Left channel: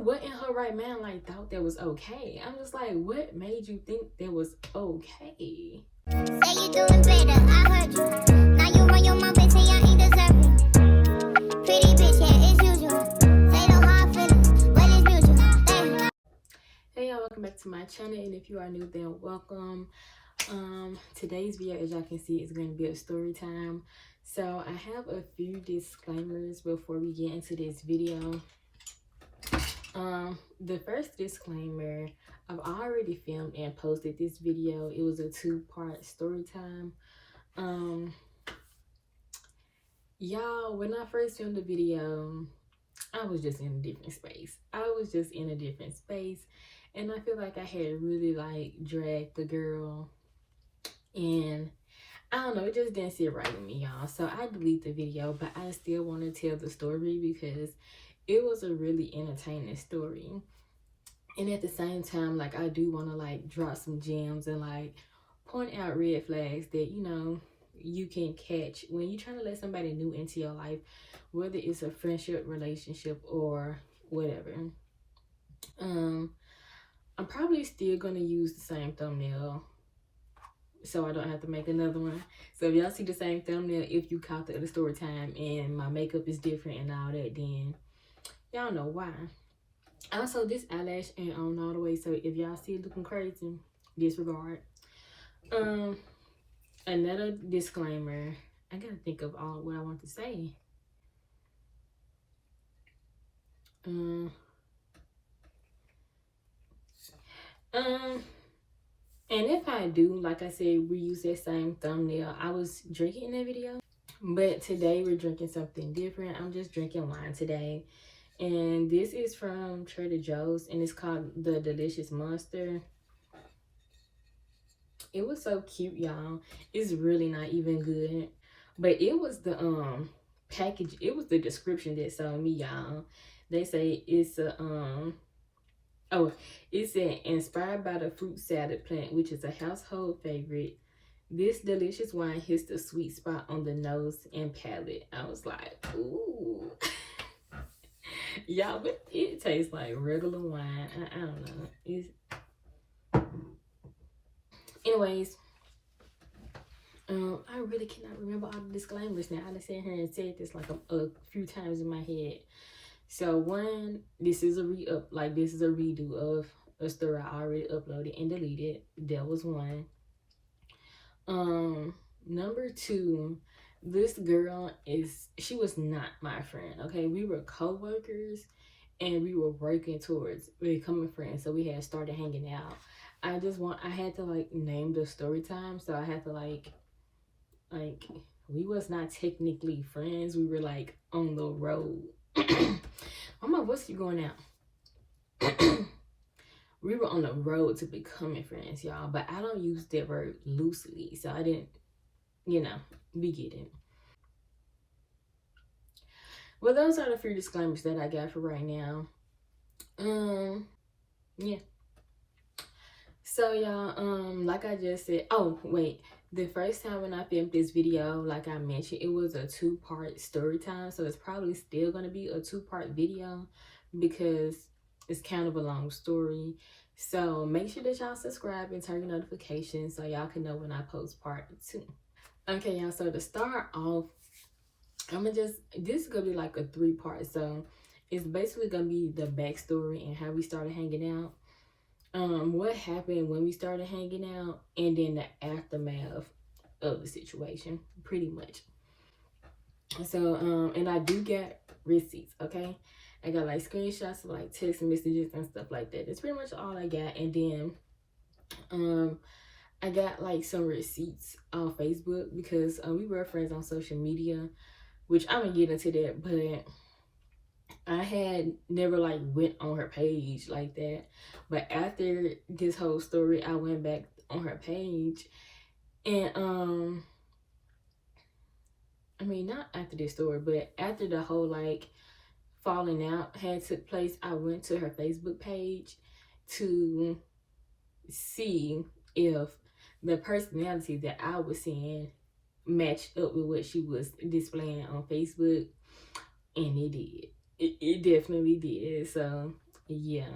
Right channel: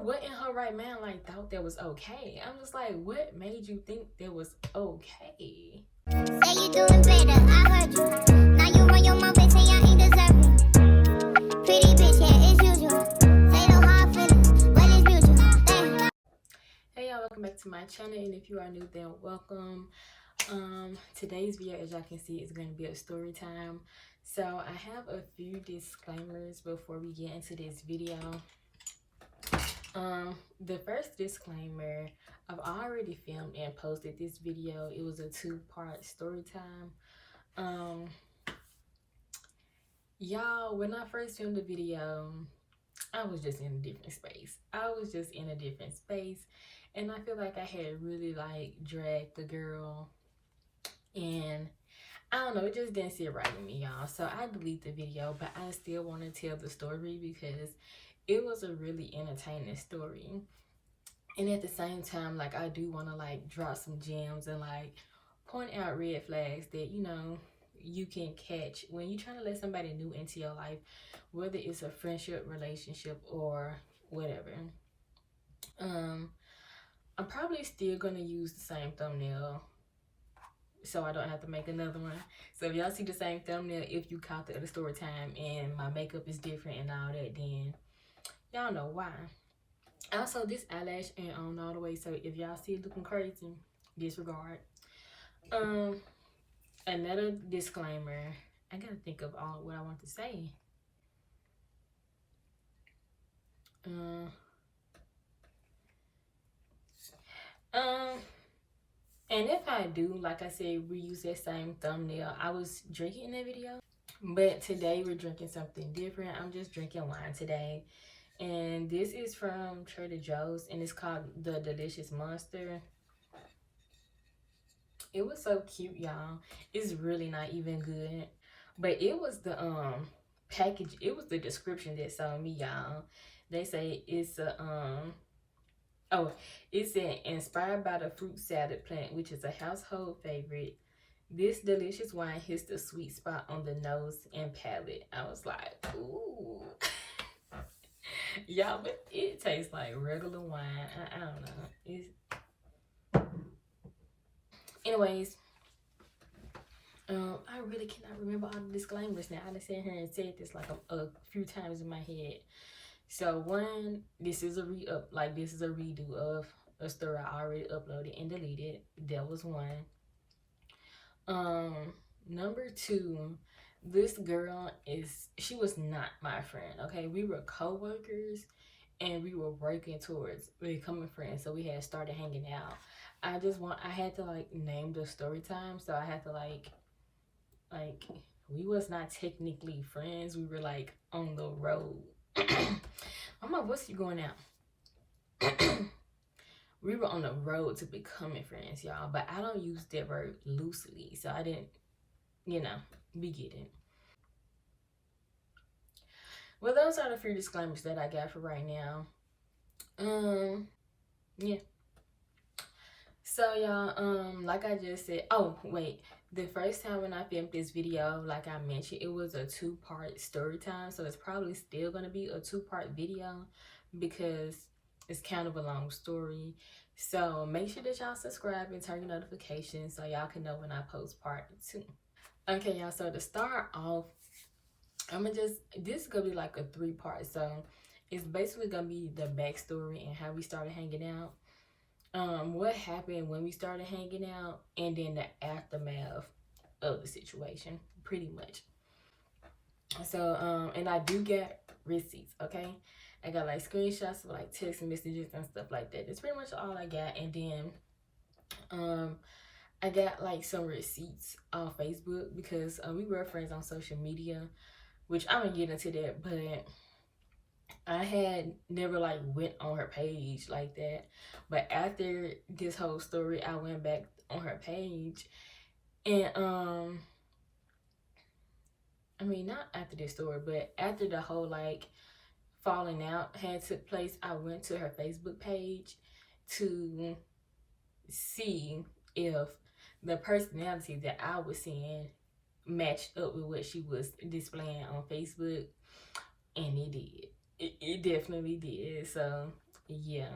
what in her right mind like thought that was okay? I'm just like, what made you think that was okay? Say you doing better, I heard you. Now you run your mouth and say I ain't deserving. Pretty bitch, yeah, it's usual. Say no hard feelings, but it's mutual. Damn. Hey y'all, welcome back to my channel, and if you are new, then welcome. Today's video, as y'all can see, is going to be a story time. So I have a few disclaimers before we get into this video. The first disclaimer, I've already filmed and posted this video. It was a 2-part story time. Y'all, when I first filmed the video, I was just in a different space. And I feel like I had really like dragged the girl, and I don't know, it just didn't sit right with me, y'all. So I deleted the video, but I still want to tell the story because it was a really entertaining story. And at the same time, like, I do want to like drop some gems and like point out red flags that, you know, you can catch when you're trying to let somebody new into your life, whether it's a friendship, relationship, or whatever. I'm probably still gonna use the same thumbnail so I don't have to make another one. So if y'all see the same thumbnail, if you caught the other story time and my makeup is different and all that, then y'all know why. Also, this eyelash ain't on all the way, so if y'all see it looking crazy, disregard. Another disclaimer, I gotta think of all what I want to say. And if I do, like I said, reuse that same thumbnail, I was drinking in that video, but today we're drinking something different. I'm just drinking wine today, and this is from Trader Joe's, and it's called the Delicious Monster. It was so cute, y'all. It's really not even good, but it was the package, it was the description that sold me, y'all. They say it's a oh, it said, inspired by the fruit salad plant, which is a household favorite. This delicious wine hits the sweet spot on the nose and palate. I was like, ooh. Y'all, but it tastes like regular wine. I don't know. Anyways, I really cannot remember all the disclaimers now. I just sat here and said this like a few times in my head. So one, this is a redo of a story I already uploaded and deleted. That was one. Number two, this girl she was not my friend. Okay, we were co-workers and we were working towards becoming friends. So we had started hanging out. I had to like name the story time. So I had to like we was not technically friends. We were like on the road. Mama, what's you going out? We were on the road to becoming friends, y'all. But I don't use that word loosely, so I didn't, you know, be getting. Well, those are the few disclaimers that I got for right now. Yeah. So y'all, like I just said, oh wait, the first time when I filmed this video, like I mentioned, it was a 2-part story time. So it's probably still gonna be a 2-part video because it's kind of a long story. So make sure that y'all subscribe and turn your notifications so y'all can know when I post part 2. Okay, y'all, so to start off, this is gonna be like a 3-part. So it's basically gonna be the backstory and how we started hanging out, what happened when we started hanging out, and then the aftermath of the situation, pretty much. So and I do get receipts, okay? I got like screenshots of like text messages and stuff like that. That's pretty much all I got. And then I got like some receipts on Facebook because we were friends on social media, which I'm gonna get into that, but I had never like went on her page like that. But after this whole story, I went back on her page, and I mean, not after this story, but after the whole like falling out had took place, I went to her Facebook page to see if the personality that I was seeing matched up with what she was displaying on Facebook, and it did. It definitely did. So yeah.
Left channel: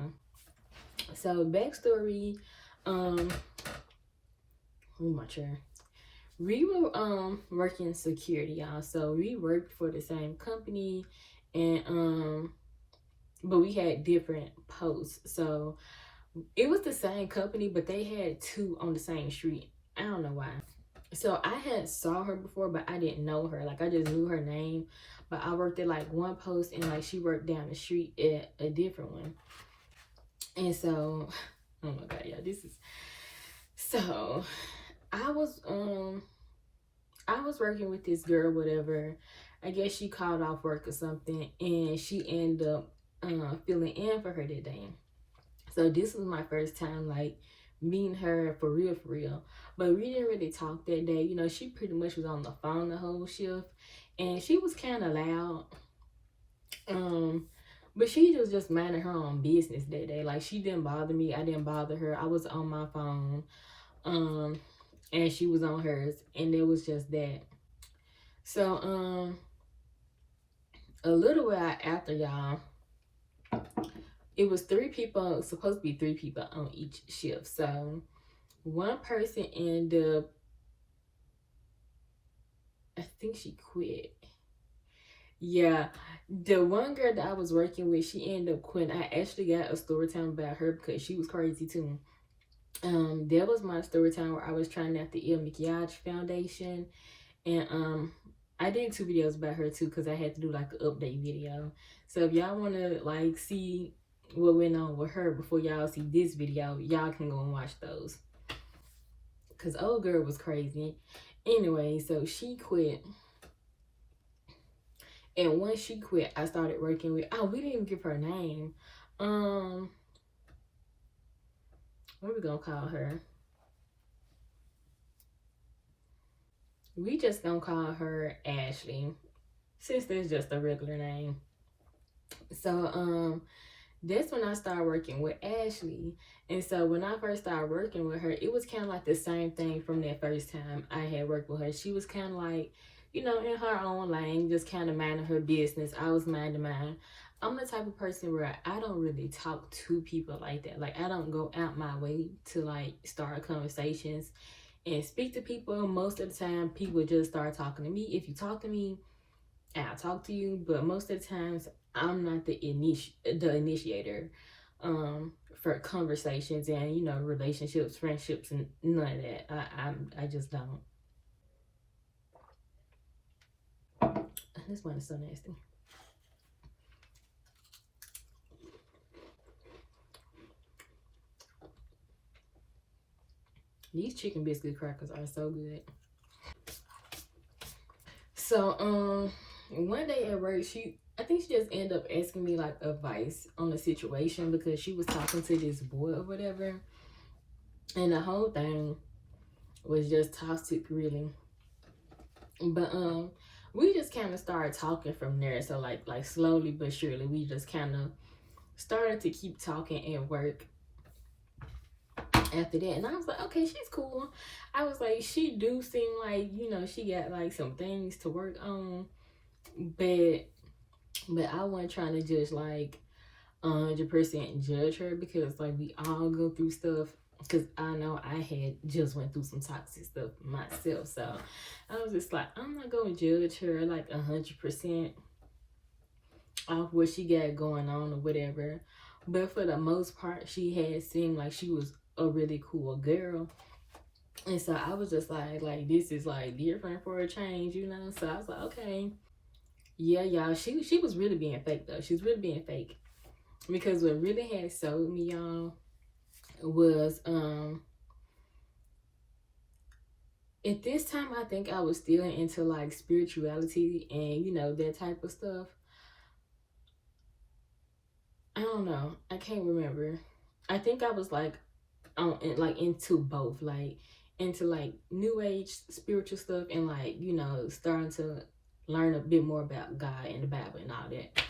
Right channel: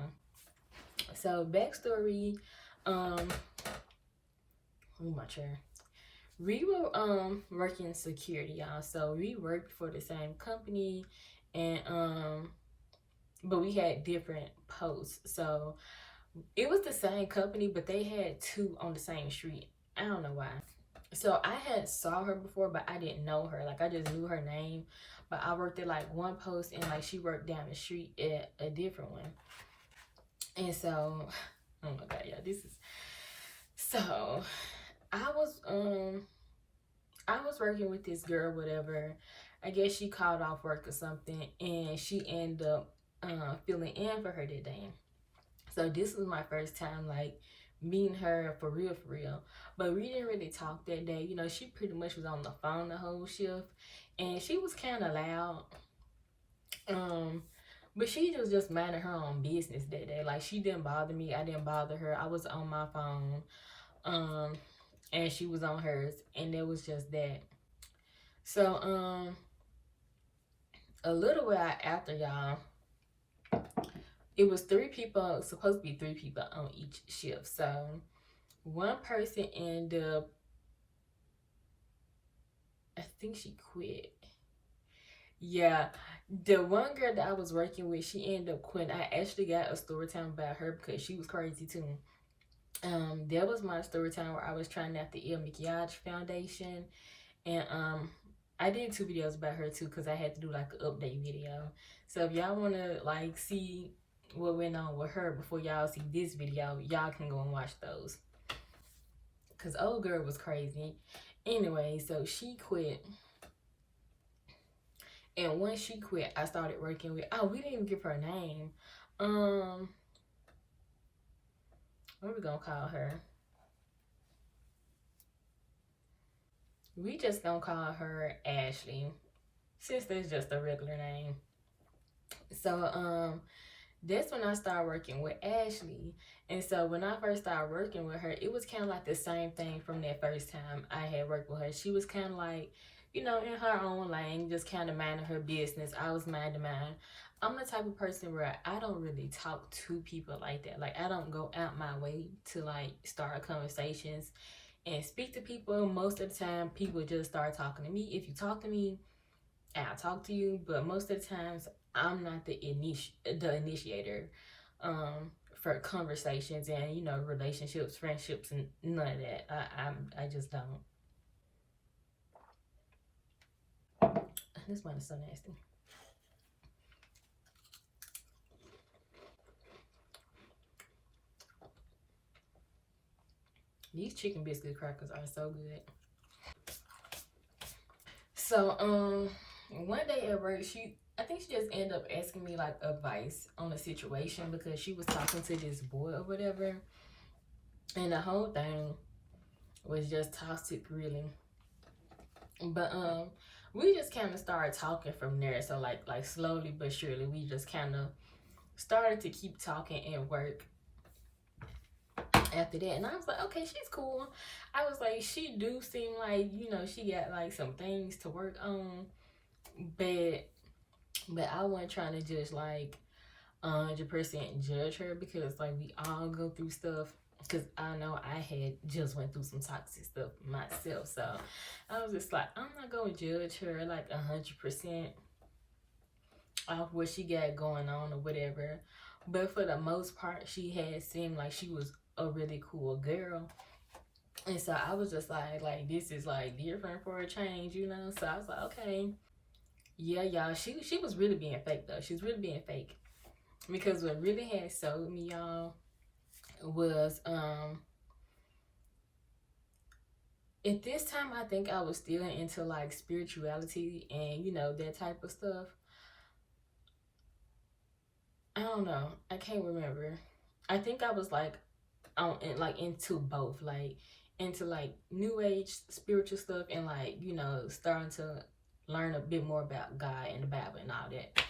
So backstory, um, oh my chair. We were working security, y'all. So we worked for the same company, and but we had different posts. So it was the same company, but they had two on the same street. I don't know why. So I had saw her before, but I didn't know her. Like I just knew her name, but I worked at like one post, and like she worked down the street at a different one. And so, oh my god, yeah, this is so. I was I was working with this girl, whatever. I guess she called off work or something, and she ended up filling in for her that day. So this was my first time like meeting her for real, for real. But we didn't really talk that day. You know, she pretty much was on the phone the whole shift, and she was kind of loud. Um, but she was just minding her own business that day. Like she didn't bother me. I didn't bother her. I was on my phone. Um, and she was on hers, and it was just that. So a little while after, y'all, it was three people, supposed to be three people on each shift. So one person ended up, I think she quit. Yeah, the one girl that I was working with, she ended up quitting. I actually got a story time about her because she was crazy too. That was my story time where I was trying out the Il Makiage Foundation, and I did 2 videos about her too because I had to do like an update video. So if y'all want to like see what went on with her before y'all see this video, y'all can go and watch those, because old girl was crazy. Anyway, so she quit, and once she quit, I started working with, oh, we didn't even give her name. What are we gonna call her? We just gonna call her Ashley, since that's just a regular name. So that's when I started working with Ashley. And so when I first started working with her, it was kind of like the same thing from that first time I had worked with her. She was kind of like, you know, in her own lane, just kind of minding her business. I was minding mine. I'm the type of person where I don't really talk to people like that. Like I don't go out my way to like start conversations and speak to people. Most of the time, people just start talking to me. If you talk to me, I'll talk to you. But most of the times, I'm not the initiator for conversations and, you know, relationships, friendships, and none of that. I just don't. This one is so nasty. These chicken biscuit crackers are so good. So one day at work, I think she just ended up asking me like advice on the situation because she was talking to this boy or whatever, and the whole thing was just toxic, really. But we just kind of started talking from there. So like slowly but surely, we just kind of started to keep talking at work after that. And I was like, okay, she's cool. I was like, she do seem like, you know, she got like some things to work on, but I wasn't trying to just like 100% judge her because like we all go through stuff, because I know I had just went through some toxic stuff myself. So I was just like, I'm not gonna judge her like 100% off what she got going on or whatever. But for the most part, she had seemed like she was a really cool girl. And so I was just like this is like different for a change, you know? So I was like, okay. Yeah, y'all, she was really being fake though. She was really being fake. Because what really had sold me, y'all, was at this time I think I was still into like spirituality and, you know, that type of stuff. I don't know. I can't remember. I think I was like like into both, like into like new age spiritual stuff and like, you know, starting to learn a bit more about God and the Bible and all that.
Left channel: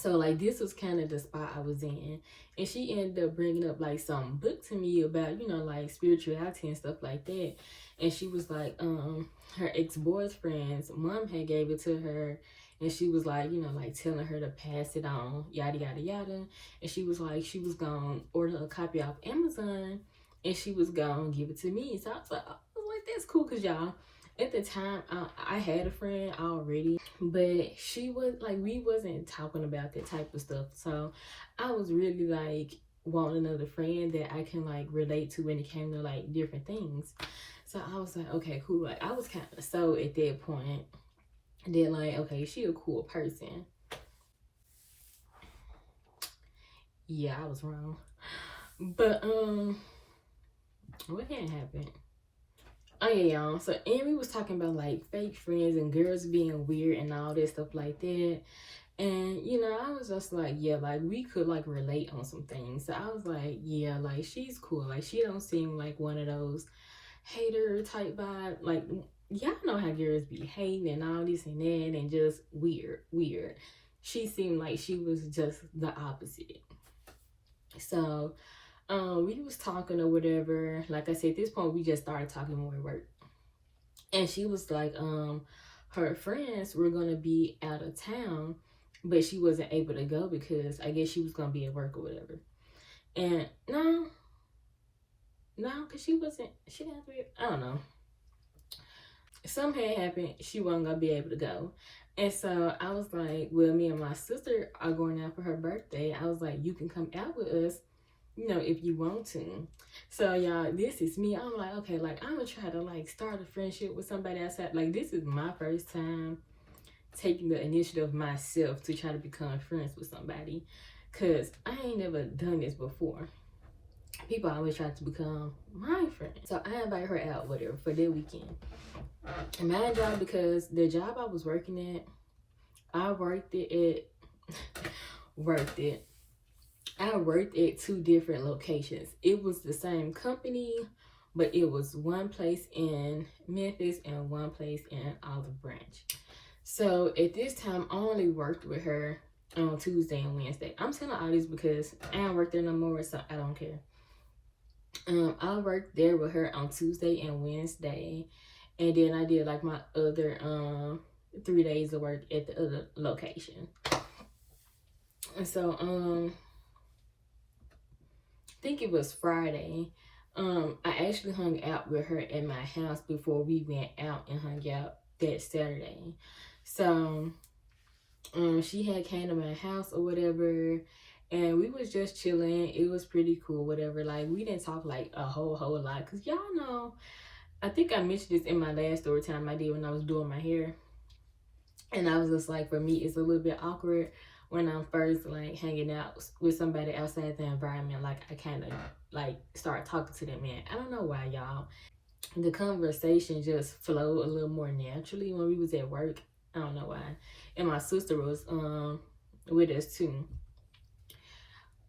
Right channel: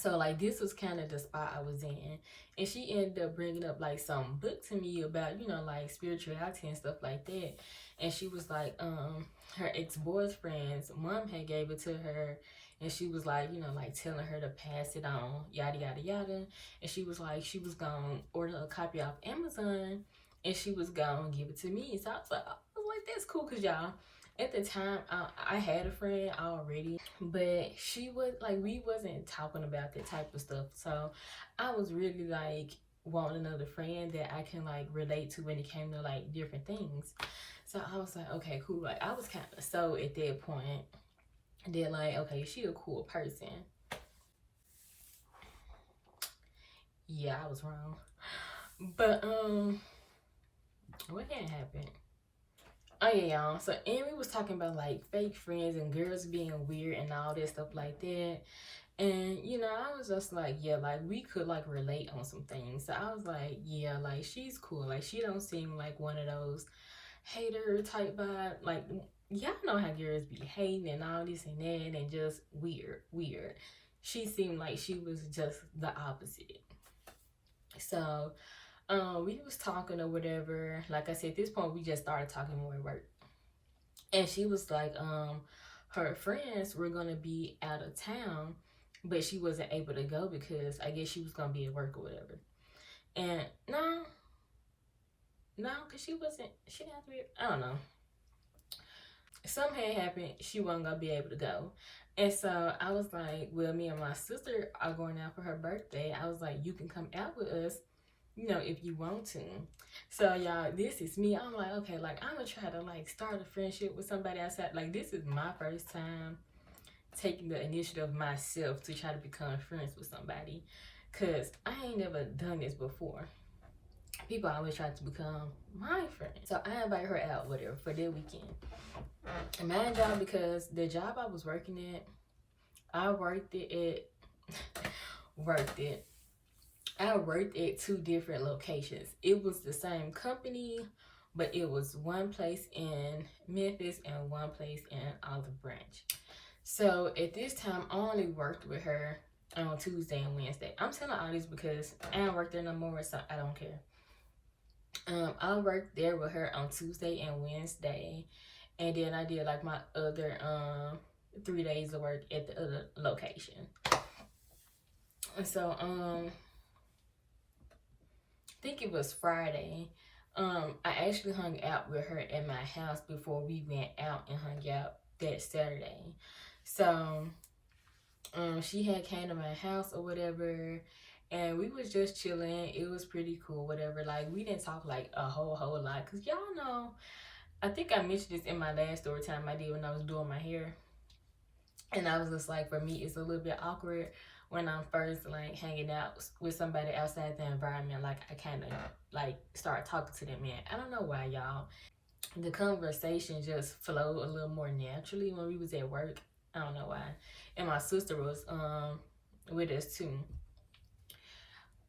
So like this was kind of the spot I was in, and she ended up bringing up like some book to me about, you know, like spirituality and stuff like that. And she was like her ex-boyfriend's mom had gave it to her, and she was like, you know, like telling her to pass it on, yada yada yada. And she was like, she was gonna order a copy off Amazon, and she was gonna give it to me. So I was like, that's cool, cause y'all, at the time, I had a friend already, but she was like, we wasn't talking about that type of stuff. So I was really like wanting another friend that I can like relate to when it came to like different things. So I was like, okay, cool. Like I was kind of so at that point, then like, okay, she a cool person. Yeah, I was wrong. But what had happened? Oh yeah, y'all. So Amy was talking about like fake friends and girls being weird and all that stuff like that. And you know, I was just like, yeah, like we could like relate on some things. So I was like, yeah, like she's cool. Like she don't seem like one of those hater type vibe. Like y'all know how girls be hating and all this and that and just weird. She seemed like she was just the opposite. So we was talking or whatever. Like I said, at this point we just started talking when we worked. And she was like, her friends were gonna be out of town, but she wasn't able to go because I guess she was gonna be at work or whatever. And no, because she didn't have to be, I don't know. Something had happened, she wasn't gonna be able to go. And so I was like, well, me and my sister are going out for her birthday. I was like, you can come out with us, you know, if you want to. So y'all, this is me. I'm like, okay, like I'm gonna try to like start a friendship with somebody outside. Like this is my first time taking the initiative myself to try to become friends with somebody, cause I ain't never done this before. People always try to become my friend. So I invited her out with her for that weekend. And my job, because the job I was working at, I worked it at worked it. I worked at two different locations. It was the same company, but it was one place in Memphis and one place in Olive Branch. So at this time, I only worked with her on Tuesday and Wednesday. I'm telling all this because I don't work there no more, so I don't care. I worked there with her on Tuesday and Wednesday, and then I did like my other 3 days of work at the other location. And so I think it was Friday. I actually hung out with her at my house before we went out and hung out that Saturday. So she had came to my house or whatever, and we was just chilling. It was pretty cool, whatever. Like we didn't talk like a whole lot, cause y'all know, I think I mentioned this in my last story time I did when I was doing my hair. And I was just like, for me, it's a little bit awkward when I'm first like hanging out with somebody outside the environment. Like I kind of like start talking to them, man. I don't know why, y'all. The conversation just flowed a little more naturally when we was at work. I don't know why. And my sister was with us too.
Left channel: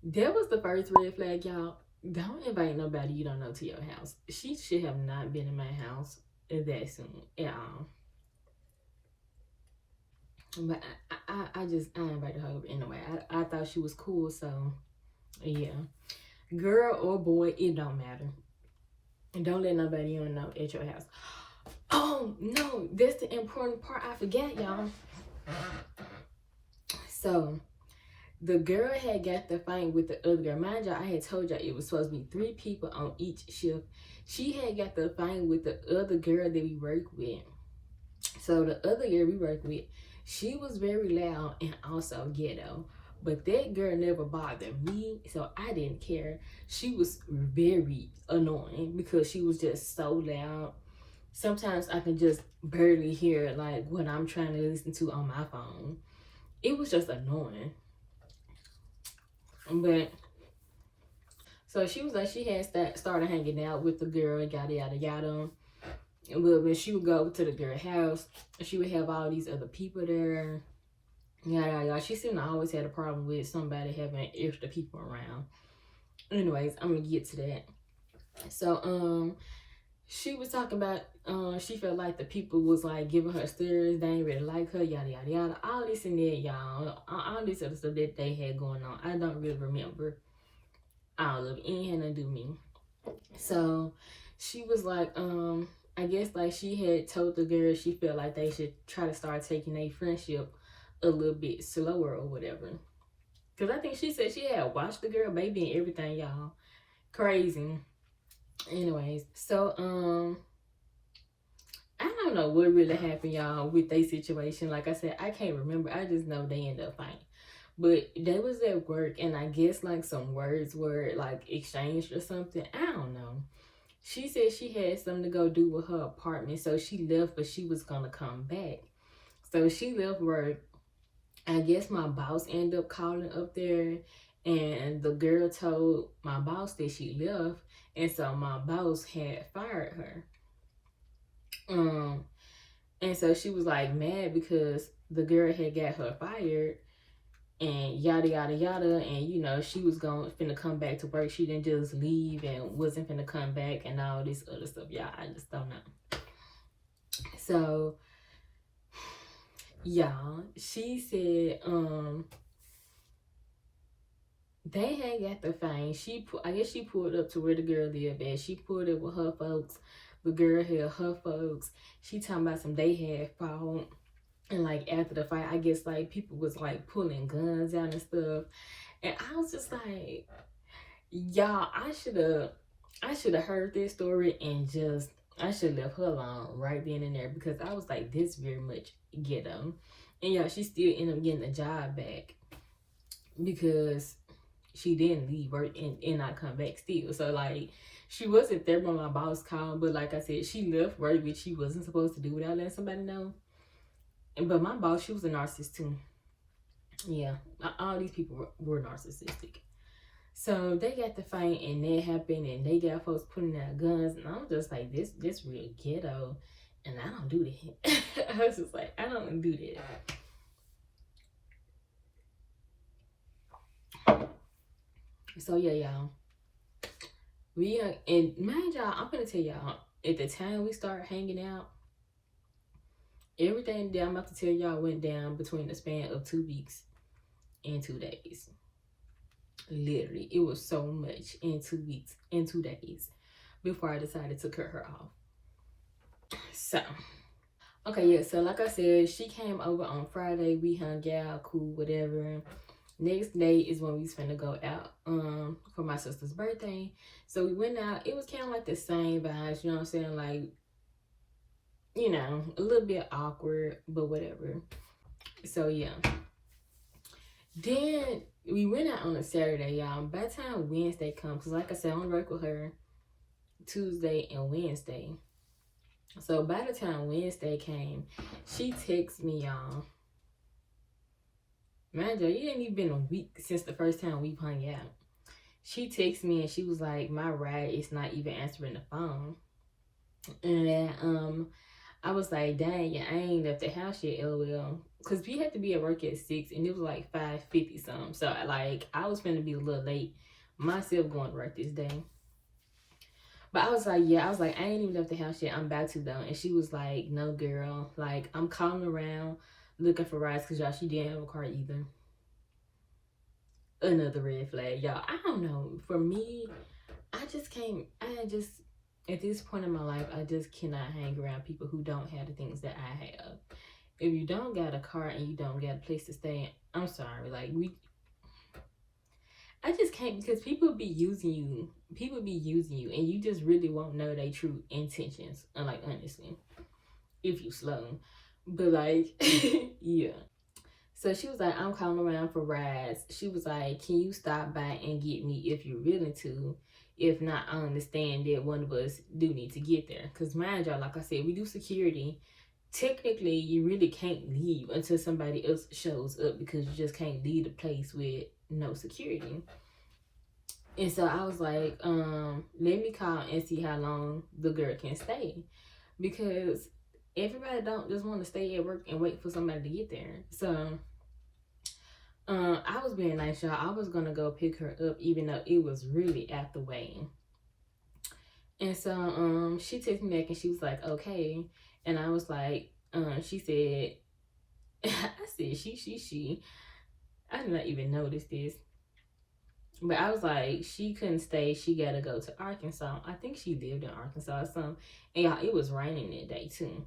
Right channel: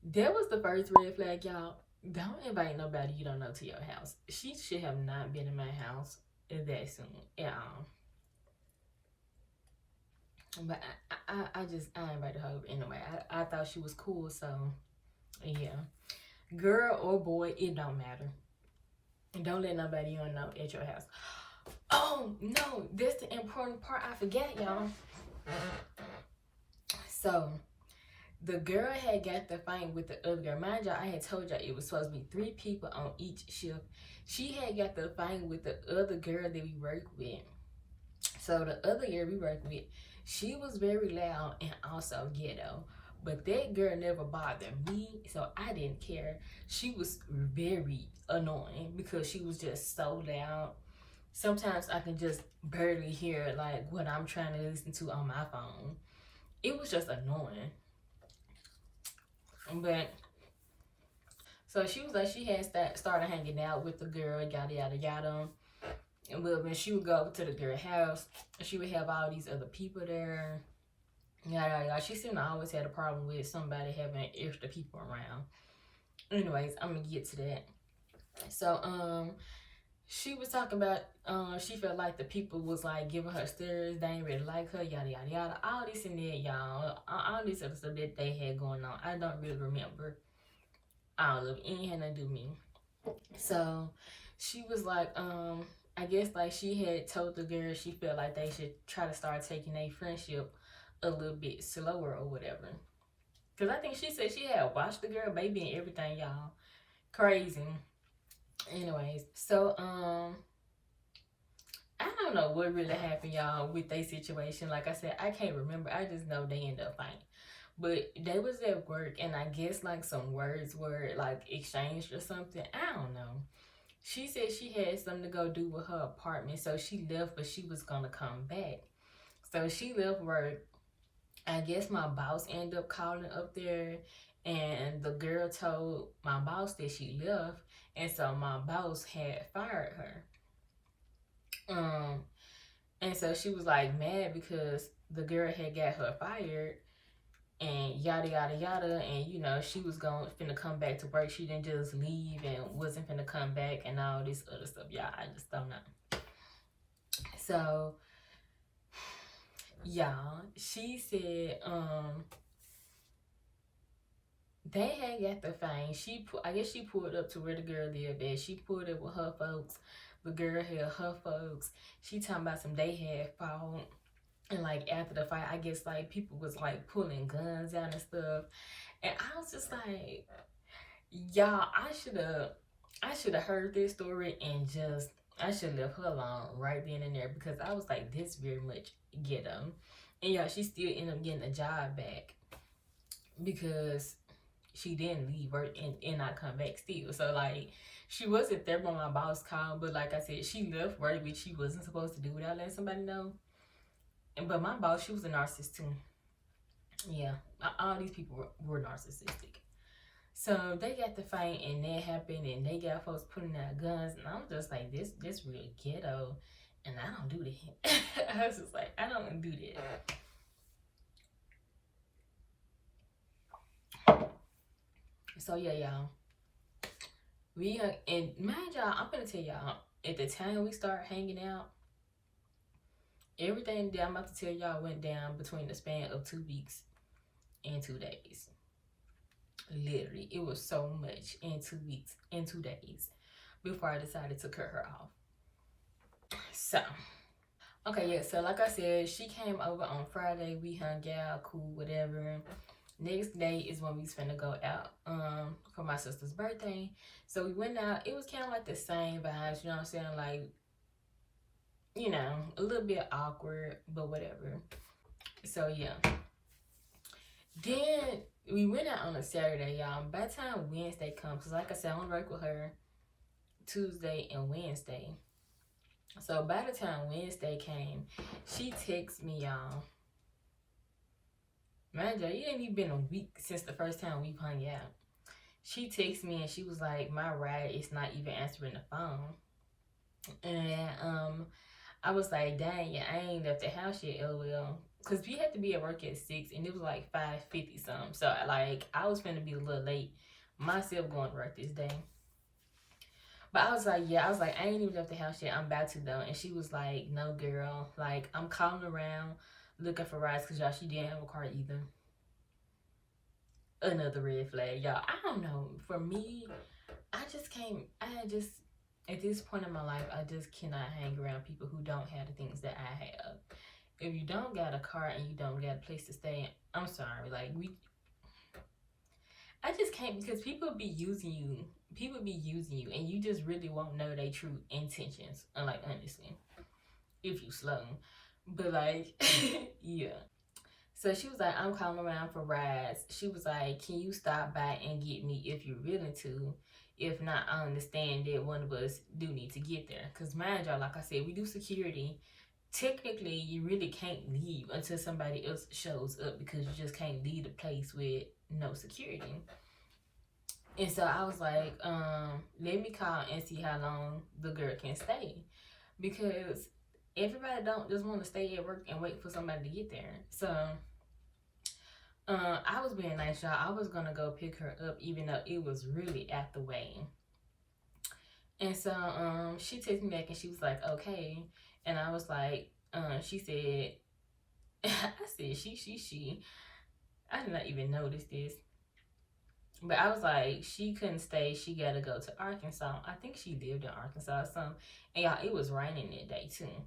That was the first red flag, y'all. Don't invite nobody you don't know to your house. She should have not been in my house that soon at all. But I invited her anyway. I thought she was cool, so yeah. Girl or boy, it don't matter. Don't let nobody you don't know at your house. Oh no, that's the important part I forgot, y'all. So the girl had got the fight with the other girl. Mind y'all, I had told y'all it was supposed to be 3 people on each shift. She had got the fight with the other girl that we work with. So the other girl we work with, she was very loud and also ghetto. But that girl never bothered me, so I didn't care. She was very annoying because she was just so loud. Sometimes I can just barely hear like what I'm trying to listen to on my phone. It was just annoying. But so she was like, she had started hanging out with the girl, yada yada yada. But when she would go to the girl house, she would have all these other people there. Yada yada. She seemed to always had a problem with somebody having extra people around. Anyways, I'm gonna get to that. So she was talking about she felt like the people was like giving her stares, they ain't really like her, yada yada yada, all this and that, y'all, all this other stuff that they had going on. I don't really remember all of it. It ain't had nothing to do with me. So she was like, I guess like she had told the girl she felt like they should try to start taking their friendship a little bit slower or whatever. Because I think she said she had watched the girl baby and everything, y'all. Crazy. Anyways, so I don't know what really happened, y'all, with their situation. Like I said, I can't remember. I just know they ended up fighting. But they was at work, and I guess like some words were like exchanged or something. I don't know. She said she had something to go do with her apartment, so she left, but she was gonna come back. So she left work. I guess my boss ended up calling up there, and the girl told my boss that she left, and so my boss had fired her. Um, and so she was like mad because the girl had got her fired, and yada yada yada, and you know she was going finna come back to work. She didn't just leave and wasn't finna come back and all this other stuff. Y'all, I just don't know. So y'all, she said they had got the fine. I guess she pulled up to where the girl lived at. She pulled up with her folks. The girl had her folks. She talking about some they had fought. And like after the fight, I guess like people was like pulling guns out and stuff. And I was just like, y'all, I should have heard this story and just I should have left her alone right then and there, because I was like, this very much ghetto. And yeah, she still ended up getting a job back because she didn't leave work and not come back still. So like she wasn't there when my boss called, but like I said, she left work, which she wasn't supposed to do without letting somebody know. But my boss, she was a narcissist too. Yeah, all these people were narcissistic. So they got the fight, and that happened, and they got folks putting out guns, and I'm just like, this real ghetto, and I don't do that. I was just like, I don't do that. So yeah, y'all. And mind y'all, I'm gonna tell y'all, at the time we start hanging out, everything that I'm about to tell y'all went down between the span of 2 weeks and 2 days. Literally, it was so much in 2 weeks and 2 days before I decided to cut her off. So, okay, yeah, so like I said, she came over on Friday. We hung out, cool, whatever. Next day is when we was finna go out for my sister's birthday. So we went out. It was kind of like the same vibes, you know what I'm saying? Like, you know, a little bit awkward, but whatever. So yeah. Then we went out on a Saturday, y'all. By the time Wednesday comes, because like I said, I'm work with her Tuesday and Wednesday. So by the time Wednesday came, she texted me, y'all. Mind you, it ain't even been a week since the first time we hung out. She texted me and she was like, my ride is not even answering the phone. And I was like, dang, yeah, I ain't left the house yet, LOL. Because we had to be at work at 6 and it was like 5:50 something. So like I was finna be a little late myself going to work this day. But I was like, yeah, I was like, I ain't even left the house yet. I'm about to though. And she was like, no, girl. Like, I'm calling around looking for rides because y'all, she didn't have a car either. Another red flag, y'all. I don't know. For me, at this point in my life, I just cannot hang around people who don't have the things that I have. If you don't got a car and you don't got a place to stay, I'm sorry. Like, I just can't, because people be using you. People be using you, and you just really won't know their true intentions. Like, honestly, if you slow. But like, yeah. So she was like, I'm calling around for rides. She was like, can you stop by and get me if you're willing to? If not, I understand that one of us do need to get there. Because mind y'all, like I said, we do security. Technically, you really can't leave until somebody else shows up, because you just can't leave the place with no security. And so I was like, let me call and see how long the girl can stay, because everybody don't just want to stay at work and wait for somebody to get there. So I was being nice, y'all. I was gonna go pick her up even though it was really after weighing. And so she texted me back and she was like, okay. And I was like, she said, I said, she. I did not even notice this. But I was like, she couldn't stay. She got to go to Arkansas. I think she lived in Arkansas or something. And y'all, it was raining that day too.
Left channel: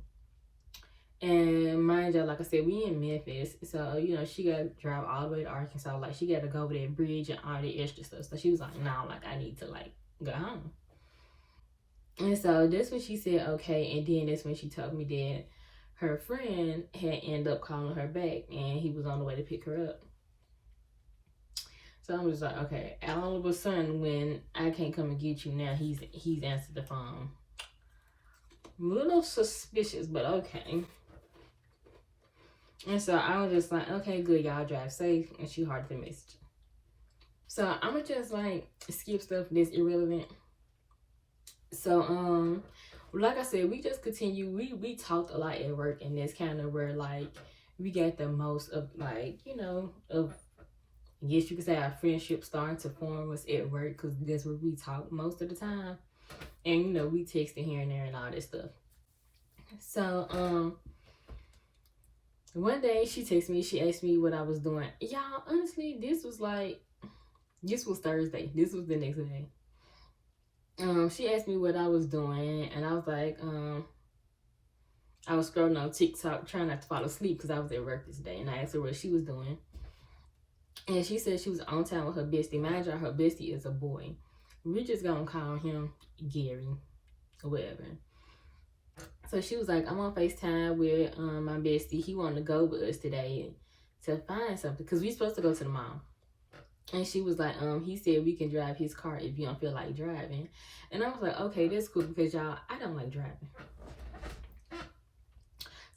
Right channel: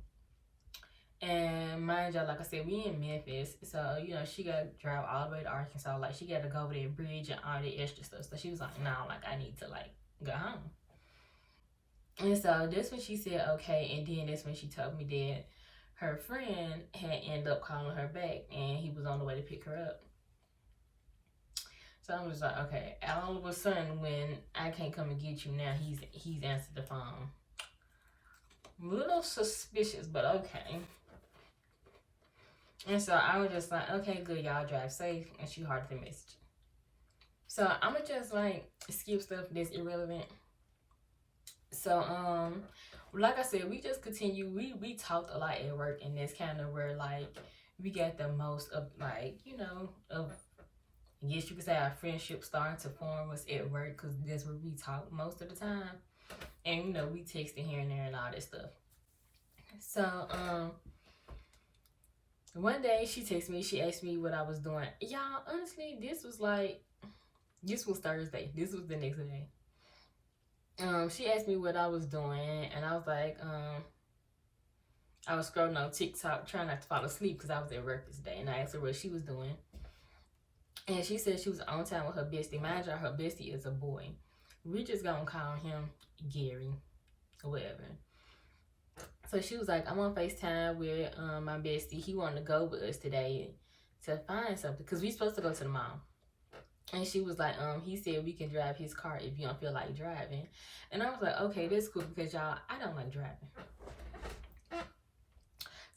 And mind you, like I said, we in Memphis, so you know she got to drive all the way to Arkansas. Like she got to go over that bridge and all the extra stuff. So she was like, "No, like I need to like go home." And so that's when she said, "Okay." And then that's when she told me that her friend had ended up calling her back, and he was on the way to pick her up. So I was like, "Okay." All of a sudden, when I can't come and get you now, he's answered the phone. A little suspicious, but okay. And so I was just like, okay, good, y'all drive safe. And she hearted the message. So I'ma just like skip stuff that's irrelevant. So like I said, we just continue. We talked a lot at work, and that's kind of where like we got the most of like of I guess you could say our friendship starting to form was at work because that's where we talk most of the time, and we texting here and there and all that stuff. So one day she texted me. She asked me what I was doing. Y'all, honestly, this was Thursday. This was the next day. She asked me what I was doing, and I was like, I was scrolling on TikTok trying not to fall asleep because I was at work this day, and I asked her what she was doing, and she said she was on time with her bestie. Mind you, her bestie is a boy. We're just gonna call him Gary or whatever. So she was like, I'm on FaceTime with my bestie. He wanted to go with us today to find something because we supposed to go to the mall. And she was like, he said we can drive his car if you don't feel like driving. And I was like, okay, that's cool because y'all, I don't like driving.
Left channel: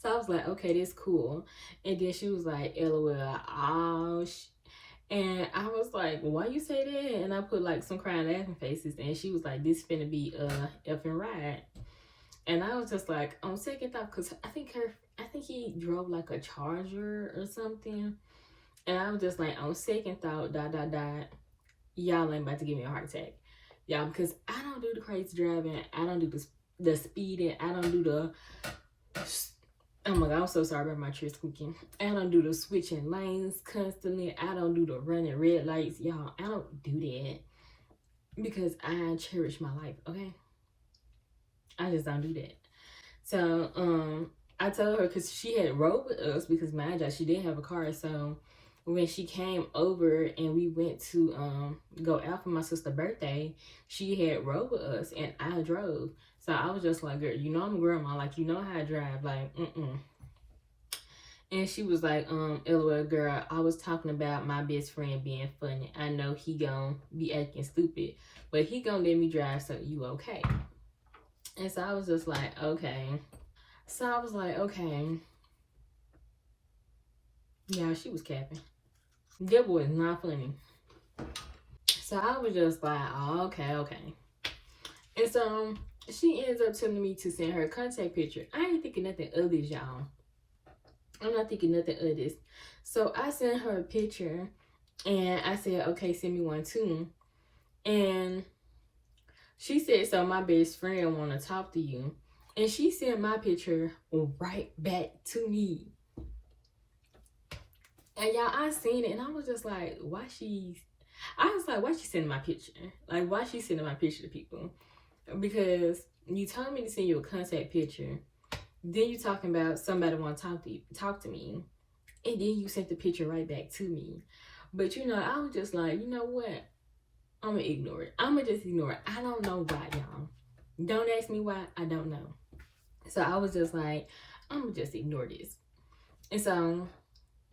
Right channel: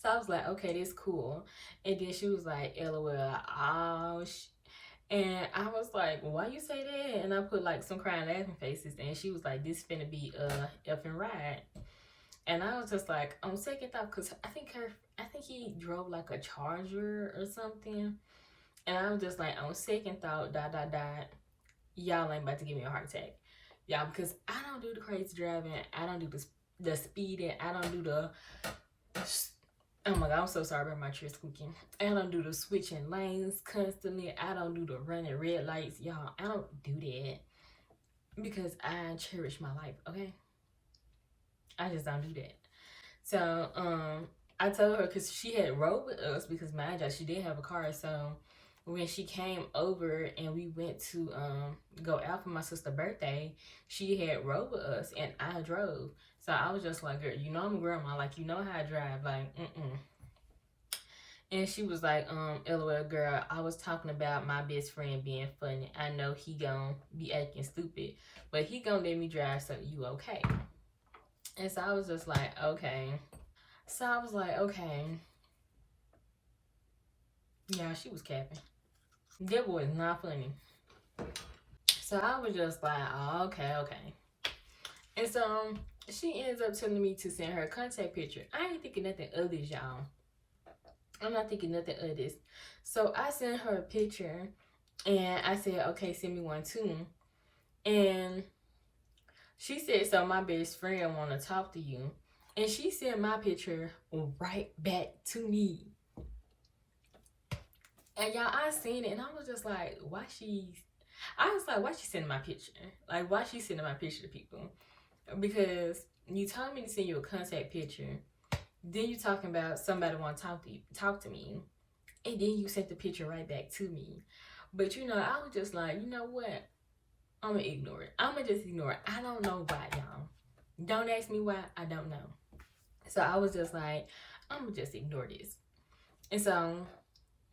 So I was like, okay, that's cool. And then she was like, LOL, oh, and I was like, why you say that? And I put like some crying laughing faces. And she was like, this finna be a effing ride. And I was just like, on second thought, because I think he drove like a Charger or something. And I was just like, on second thought, ... y'all ain't about to give me a heart attack. Y'all, because I don't do the crazy driving. I don't do the speeding. I don't do the... Oh my God, I'm so sorry about my chair squeaking. I don't do the switching lanes constantly. I don't do the running red lights. Y'all, I don't do that. Because I cherish my life, okay? I just don't do that. So, I told her because she had rode with us because mind you, she did have a car. So when she came over and we went to go out for my sister's birthday, she had rode with us and I drove. So I was just like, girl, I'm a grandma, like how I drive, like And she was like, LOL, girl, I was talking about my best friend being funny. I know he gonna be acting stupid, but he gonna let me drive, so you okay. And so I was just like, okay. So I was like, okay. Yeah, she was capping. That boy is not funny. So I was just like, oh, okay. And so she ends up telling me to send her a contact picture. I ain't thinking nothing of this, y'all. I'm not thinking nothing of this. So I sent her a picture and I said, okay, send me one too. And she said, so my best friend want to talk to you. And she sent my picture right back to me. And y'all, I seen it and I was just like, why she sending my picture? Like, why she sending my picture to people? Because you told me to send you a contact picture. Then you talking about somebody want to talk to me. And then you sent the picture right back to me. But I was just like, you know what? I'm gonna ignore it. I'm gonna just ignore it. I don't know why, y'all. Don't ask me why. I don't know. So I was just like, I'm gonna just ignore this. And so,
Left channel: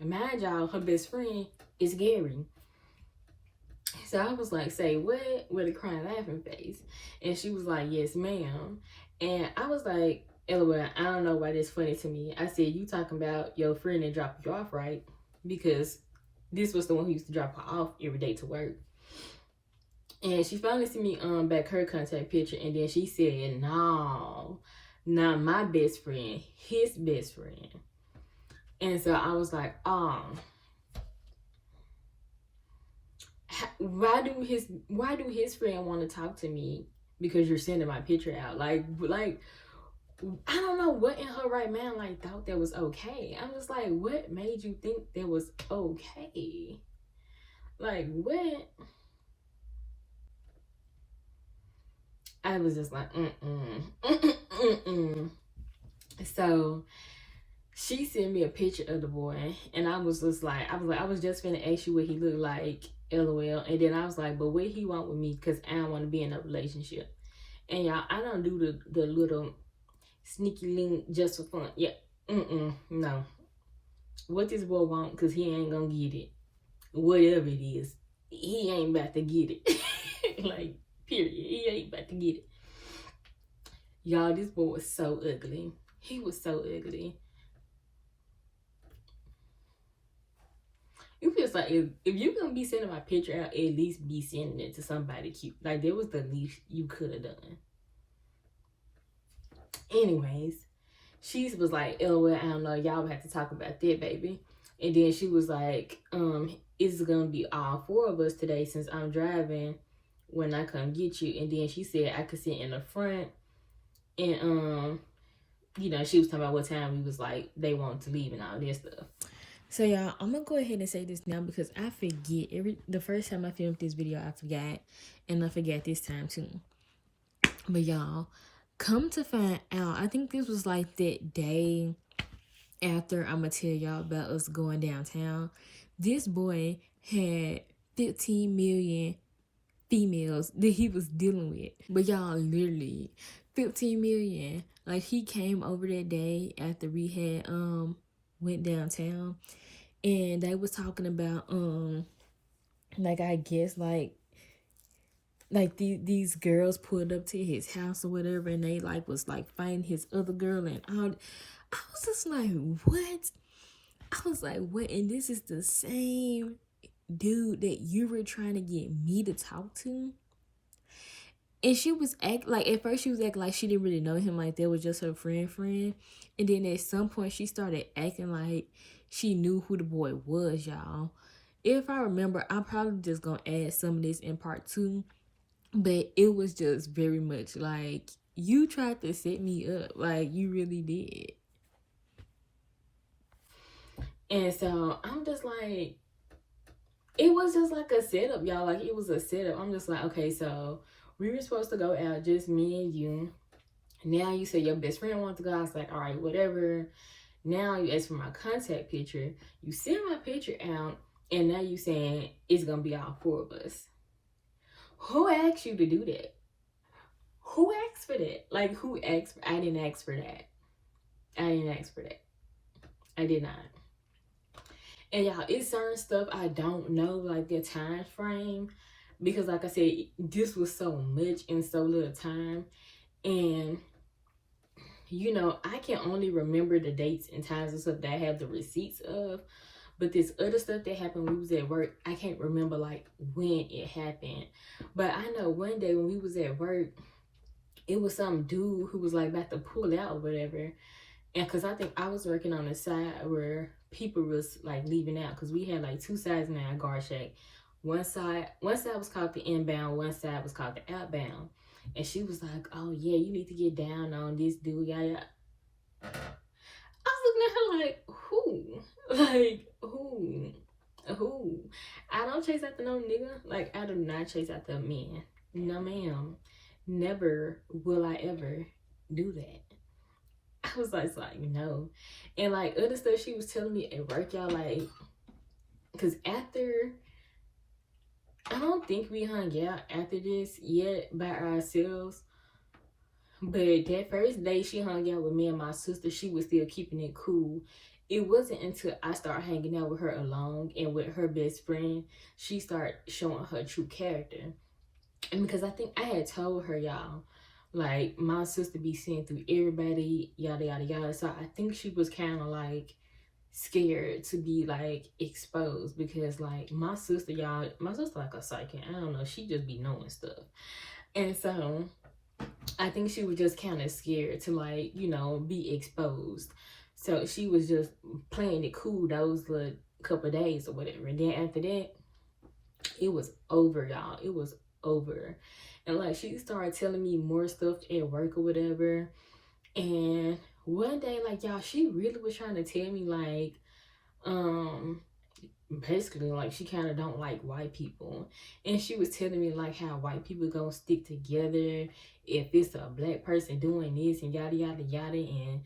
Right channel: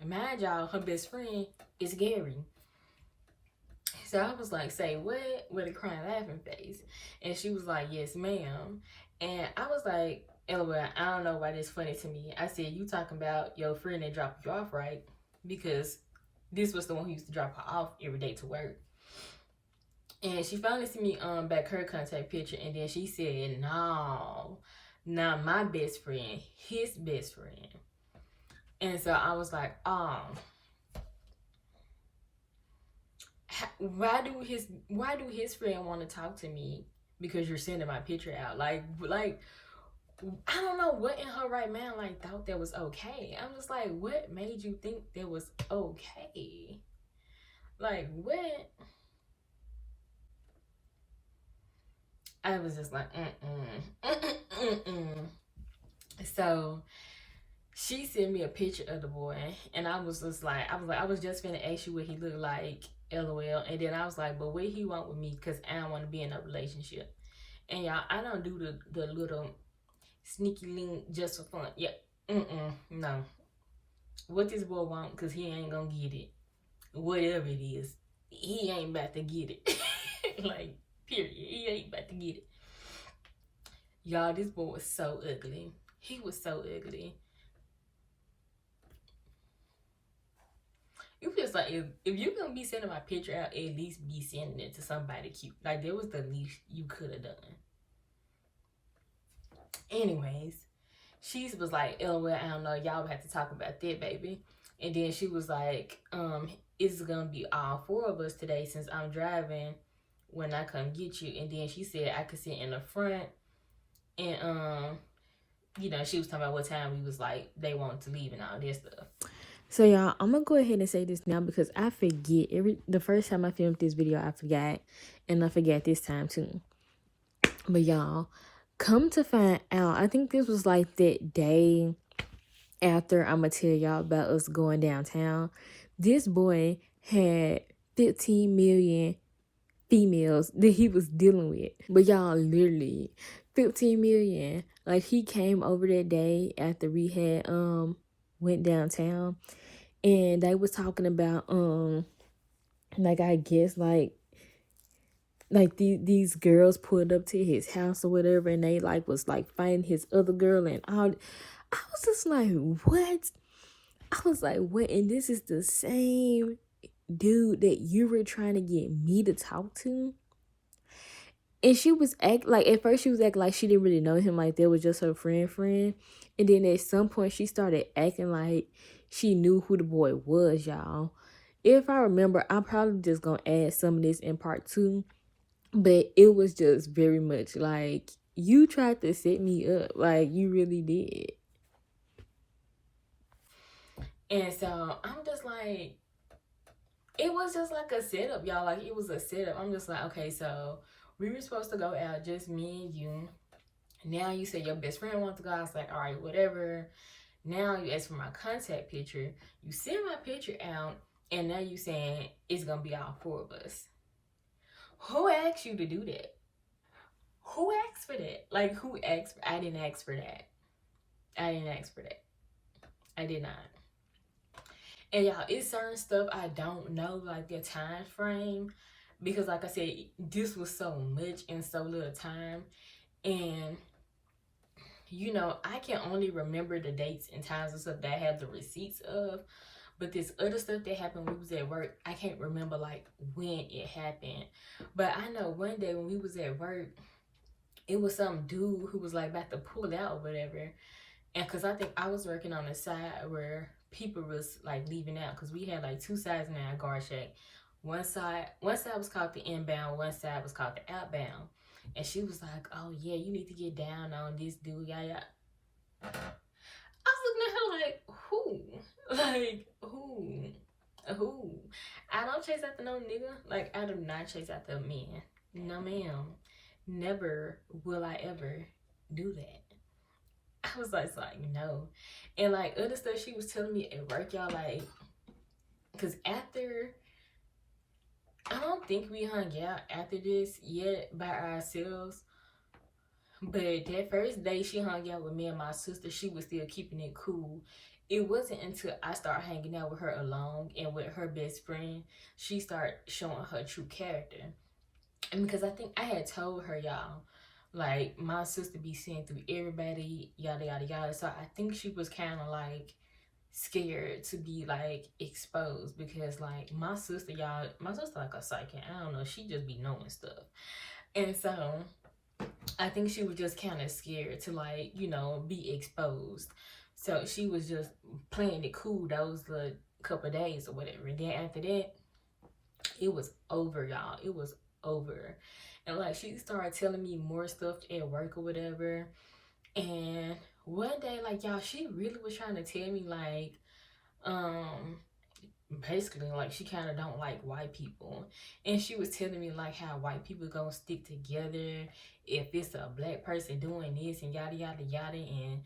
mind y'all, her best friend is Gary. So I was like, say what? With a crying laughing face. And she was like, yes, ma'am. And I was like, LOL, I don't know why this funny to me. I said, you talking about your friend that dropped you off, right? Because this was the one who used to drop her off every day to work. And she finally sent me back her contact picture. And then she said, no, not my best friend, his best friend. And so I was like, why do his friend want to talk to me because you're sending my picture out? Like I don't know what in her right mind like thought that was okay. I'm just like, what made you think that was okay? Like what? I was just like, mm-mm. So She sent me a picture of the boy, and I was just like, I was just finna ask you what he looked like, LOL. And then I was like, but what he want with me? Cause I don't want to be in a relationship. And y'all, I don't do the little sneaky link just for fun. Yeah, no. What this boy want? Cause he ain't gonna get it. Whatever it is, he ain't about to get it. Like, period. He ain't about to get it. Y'all, this boy was so ugly. He was so ugly. You just like, if you gonna be sending my picture out, at least be sending it to somebody cute. Like, that was the least you could have done. Anyways, she was like, LOL, I don't know, y'all would have to talk about that, baby. And then she was like, it's gonna be all four of us today since I'm driving when I come get you. And then she said I could sit in the front. And you know, she was talking about what time we was like they wanted to leave and all this stuff. So y'all, I'm gonna go ahead and say this now because I forget the first time I filmed this video, I forgot, and I forgot this time too. But y'all, come to find out, I think this was like that day after I'm gonna tell y'all about us going downtown. This boy had 15 million females that he was dealing with. But y'all, literally 15 million. Like, he came over that day after we had went downtown, and they was talking about like, I guess like these girls pulled up to his house or whatever, and they like was like fighting his other girl and all. I was just like, what? I was like, what? And this is the same dude that you were trying to get me to talk to. And she was like, at first she was acting like she didn't really know him, like that was just her friend. And then at some point she started acting like she knew who the boy was, y'all. If I remember, I'm probably just gonna add some of this in part 2. But it was just very much like, you tried to set me up. Like, you really did. And so I'm just like, it was just like a setup, y'all. Like, it was a setup. I'm just like, okay, so we were supposed to go out, just me and you. Now you say your best friend wants to go. I was like, all right, whatever. Now you ask for my contact picture. You send my picture out, and now you saying it's gonna be all four of us. Who asked you to do that? Who asked for that? Like, who asked? I didn't ask for that. I didn't ask for that. I did not. And y'all, it's certain stuff I don't know, like the time frame, because like I said, this was so much in so little time. And you know, I can only remember the dates and times and stuff that I have the receipts of. But this other stuff that happened when we was at work, I can't remember like when it happened. But I know one day when we was at work, it was some dude who was like about to pull out or whatever. And cause I think I was working on the side where people was like leaving out, cause we had like two sides in our guard shack. One side was called the inbound, one side was called the outbound. And she was like, oh yeah, you need to get down on this dude, yeah. I was looking at her like, who? Like, who? I don't chase after no nigga. Like, I do not chase after a man. No ma'am. Never will I ever do that. I was like, no. And like other stuff she was telling me at work, y'all, like, cause after, I don't think we hung out after this yet by ourselves. But that first day she hung out with me and my sister, she was still keeping it cool. It wasn't until I started hanging out with her alone and with her best friend, she started showing her true character. And because I think I had told her, y'all, like, my sister be seeing through everybody, yada, yada, yada. So I think she was kind of, like, scared to be, like, exposed. Because, like, my sister, y'all, my sister like a psychic. I don't know. She just be knowing stuff. And so I think she was just kind of scared to, like, you know, be exposed. So she was just playing it cool those like, couple days or whatever. And then after that, it was over, y'all. It was over. And like, she started telling me more stuff at work or whatever. And one day, like, y'all, she really was trying to tell me, like, basically, like, she kind of don't like white people. And she was telling me, like, how white people gonna stick together if it's a black person doing this and yada, yada, yada. And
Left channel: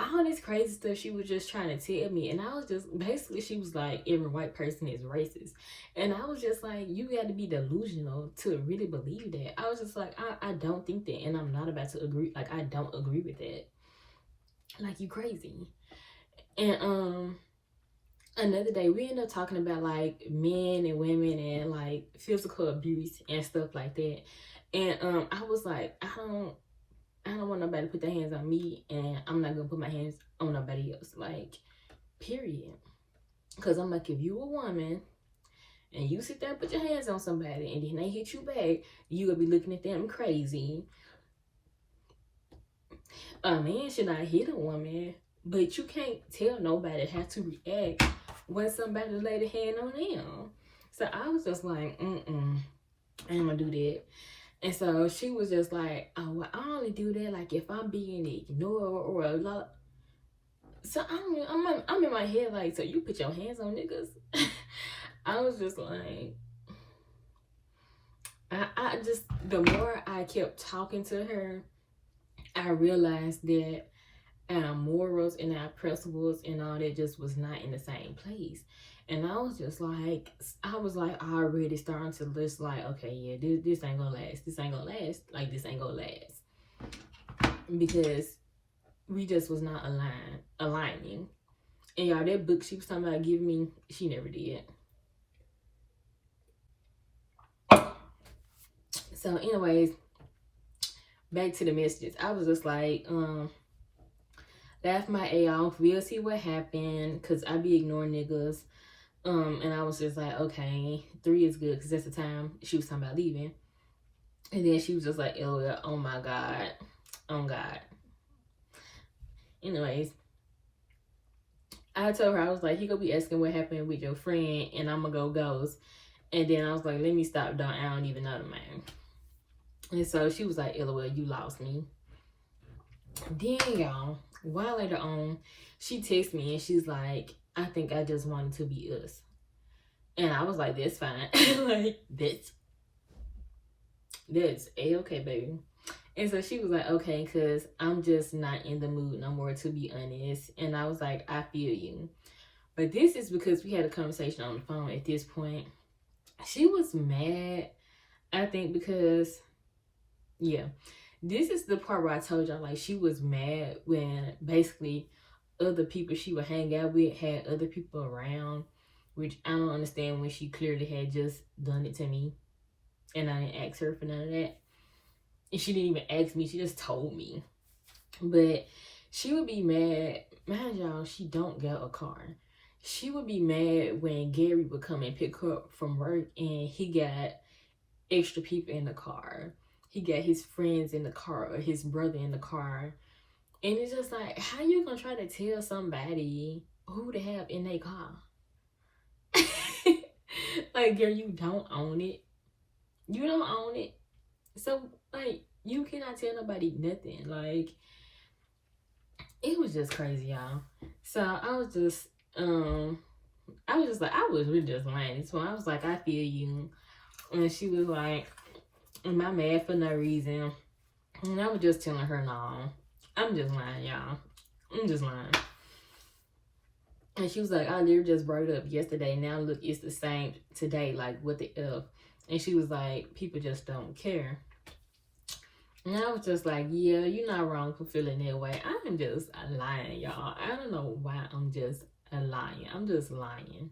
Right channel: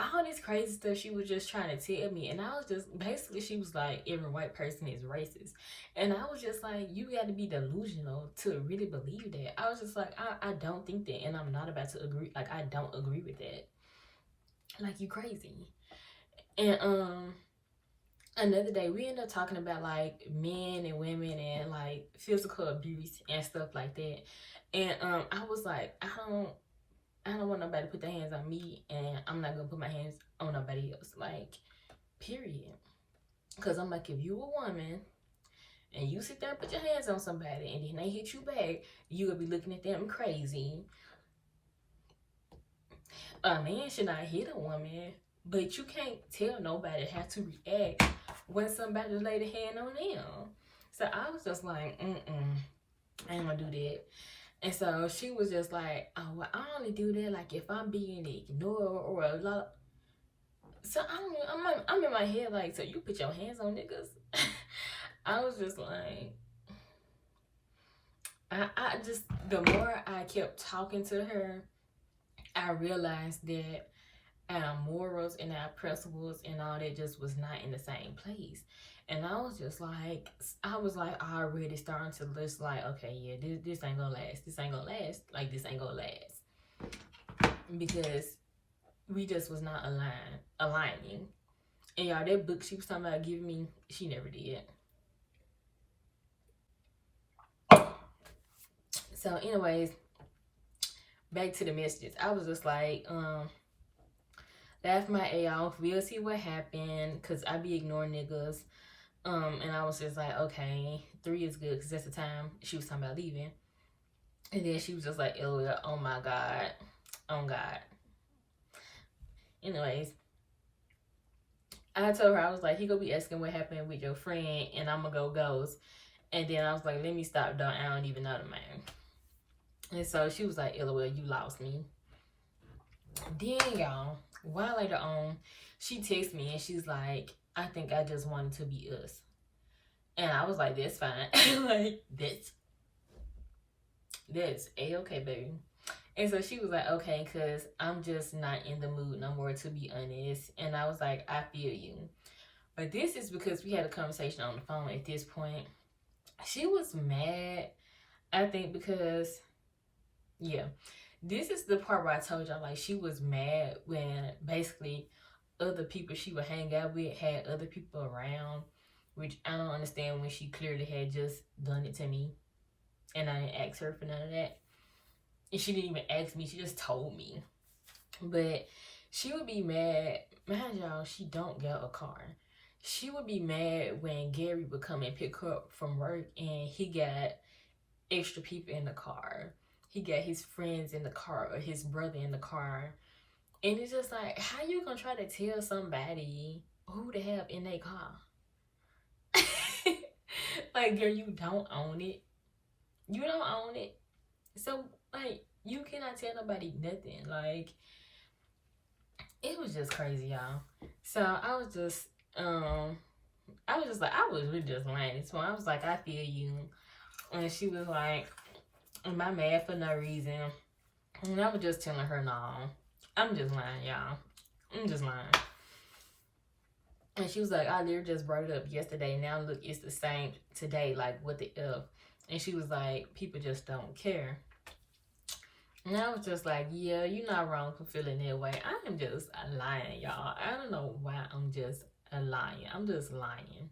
all this crazy stuff she was just trying to tell me. And I was just, basically, she was like, every white person is racist. And I was just like, you got to be delusional to really believe that. I was just like, I don't think that. And I'm not about to agree. Like, I don't agree with that. Like, you crazy. And another day we ended up talking about like men and women and like physical abuse and stuff like that. And I was like, I don't want nobody to put their hands on me, and I'm not gonna put my hands on nobody else. Like, period. Cause I'm like, if you a woman and you sit there and put your hands on somebody and then they hit you back, you gonna be looking at them crazy. A man should not hit a woman, but you can't tell nobody how to react when somebody laid a hand on them. So I was just like, I ain't gonna do that. And so she was just like, oh, well, I only do that like if I'm being ignored or a lot. So I'm in my head like, so you put your hands on niggas? I was just like, I just, the more I kept talking to her, I realized that our morals and our principles and all that just was not in the same place. And I was just like, already starting to list like, okay, yeah, this ain't gonna last. This ain't gonna last. Like, this ain't gonna last. Because we just was not aligning. And y'all, that book she was talking about giving me, she never did. So anyways, back to the messages. I was just like, laugh my A off. We'll see what happened. Cause I be ignoring niggas. And I was just like, okay, 3 is good. Cause that's the time she was talking about leaving. And then she was just like, oh my God. Oh God. Anyways, I told her, I was like, he gonna be asking what happened with your friend, and I'm gonna go ghost. And then I was like, let me stop, dog. I don't even know the man. And so she was like, LOL, you lost me. Then, y'all, a while later on, she texted me and she's like, I think I just wanted to be us. And I was like, that's fine. Like, that's A-okay, baby. And so she was like, okay, because I'm just not in the mood no more, to be honest. And I was like, I feel you. But this is because we had a conversation on the phone at this point. She was mad, I think, because, yeah. This is the part where I told y'all, like, she was mad when basically other people she would hang out with had other people around, which I don't understand when she clearly had just done it to me. And I didn't ask her for none of that. And she didn't even ask me, she just told me. But she would be mad. Man, y'all, she don't get a car. She would be mad when Gary would come and pick her up from work and he got extra people in the car. He got his friends in the car or his brother in the car. And it's just like, how you gonna try to tell somebody who to have in their car? Like, girl, you don't own it. You don't own it. So, like, you cannot tell nobody nothing. Like, it was just crazy, y'all. So I was just like, I was really just lying. So I was like, I feel you. And she was like, am I mad for no reason? And I was just telling her, no, I'm just lying, y'all. I'm just lying. And she was like, I literally just brought it up yesterday. Now look, it's the same today. Like, what the F? And she was like, people just don't care. And I was just like, yeah, you're not wrong for feeling that way. I'm just lying, y'all. I don't know why I'm just lying. I'm just lying.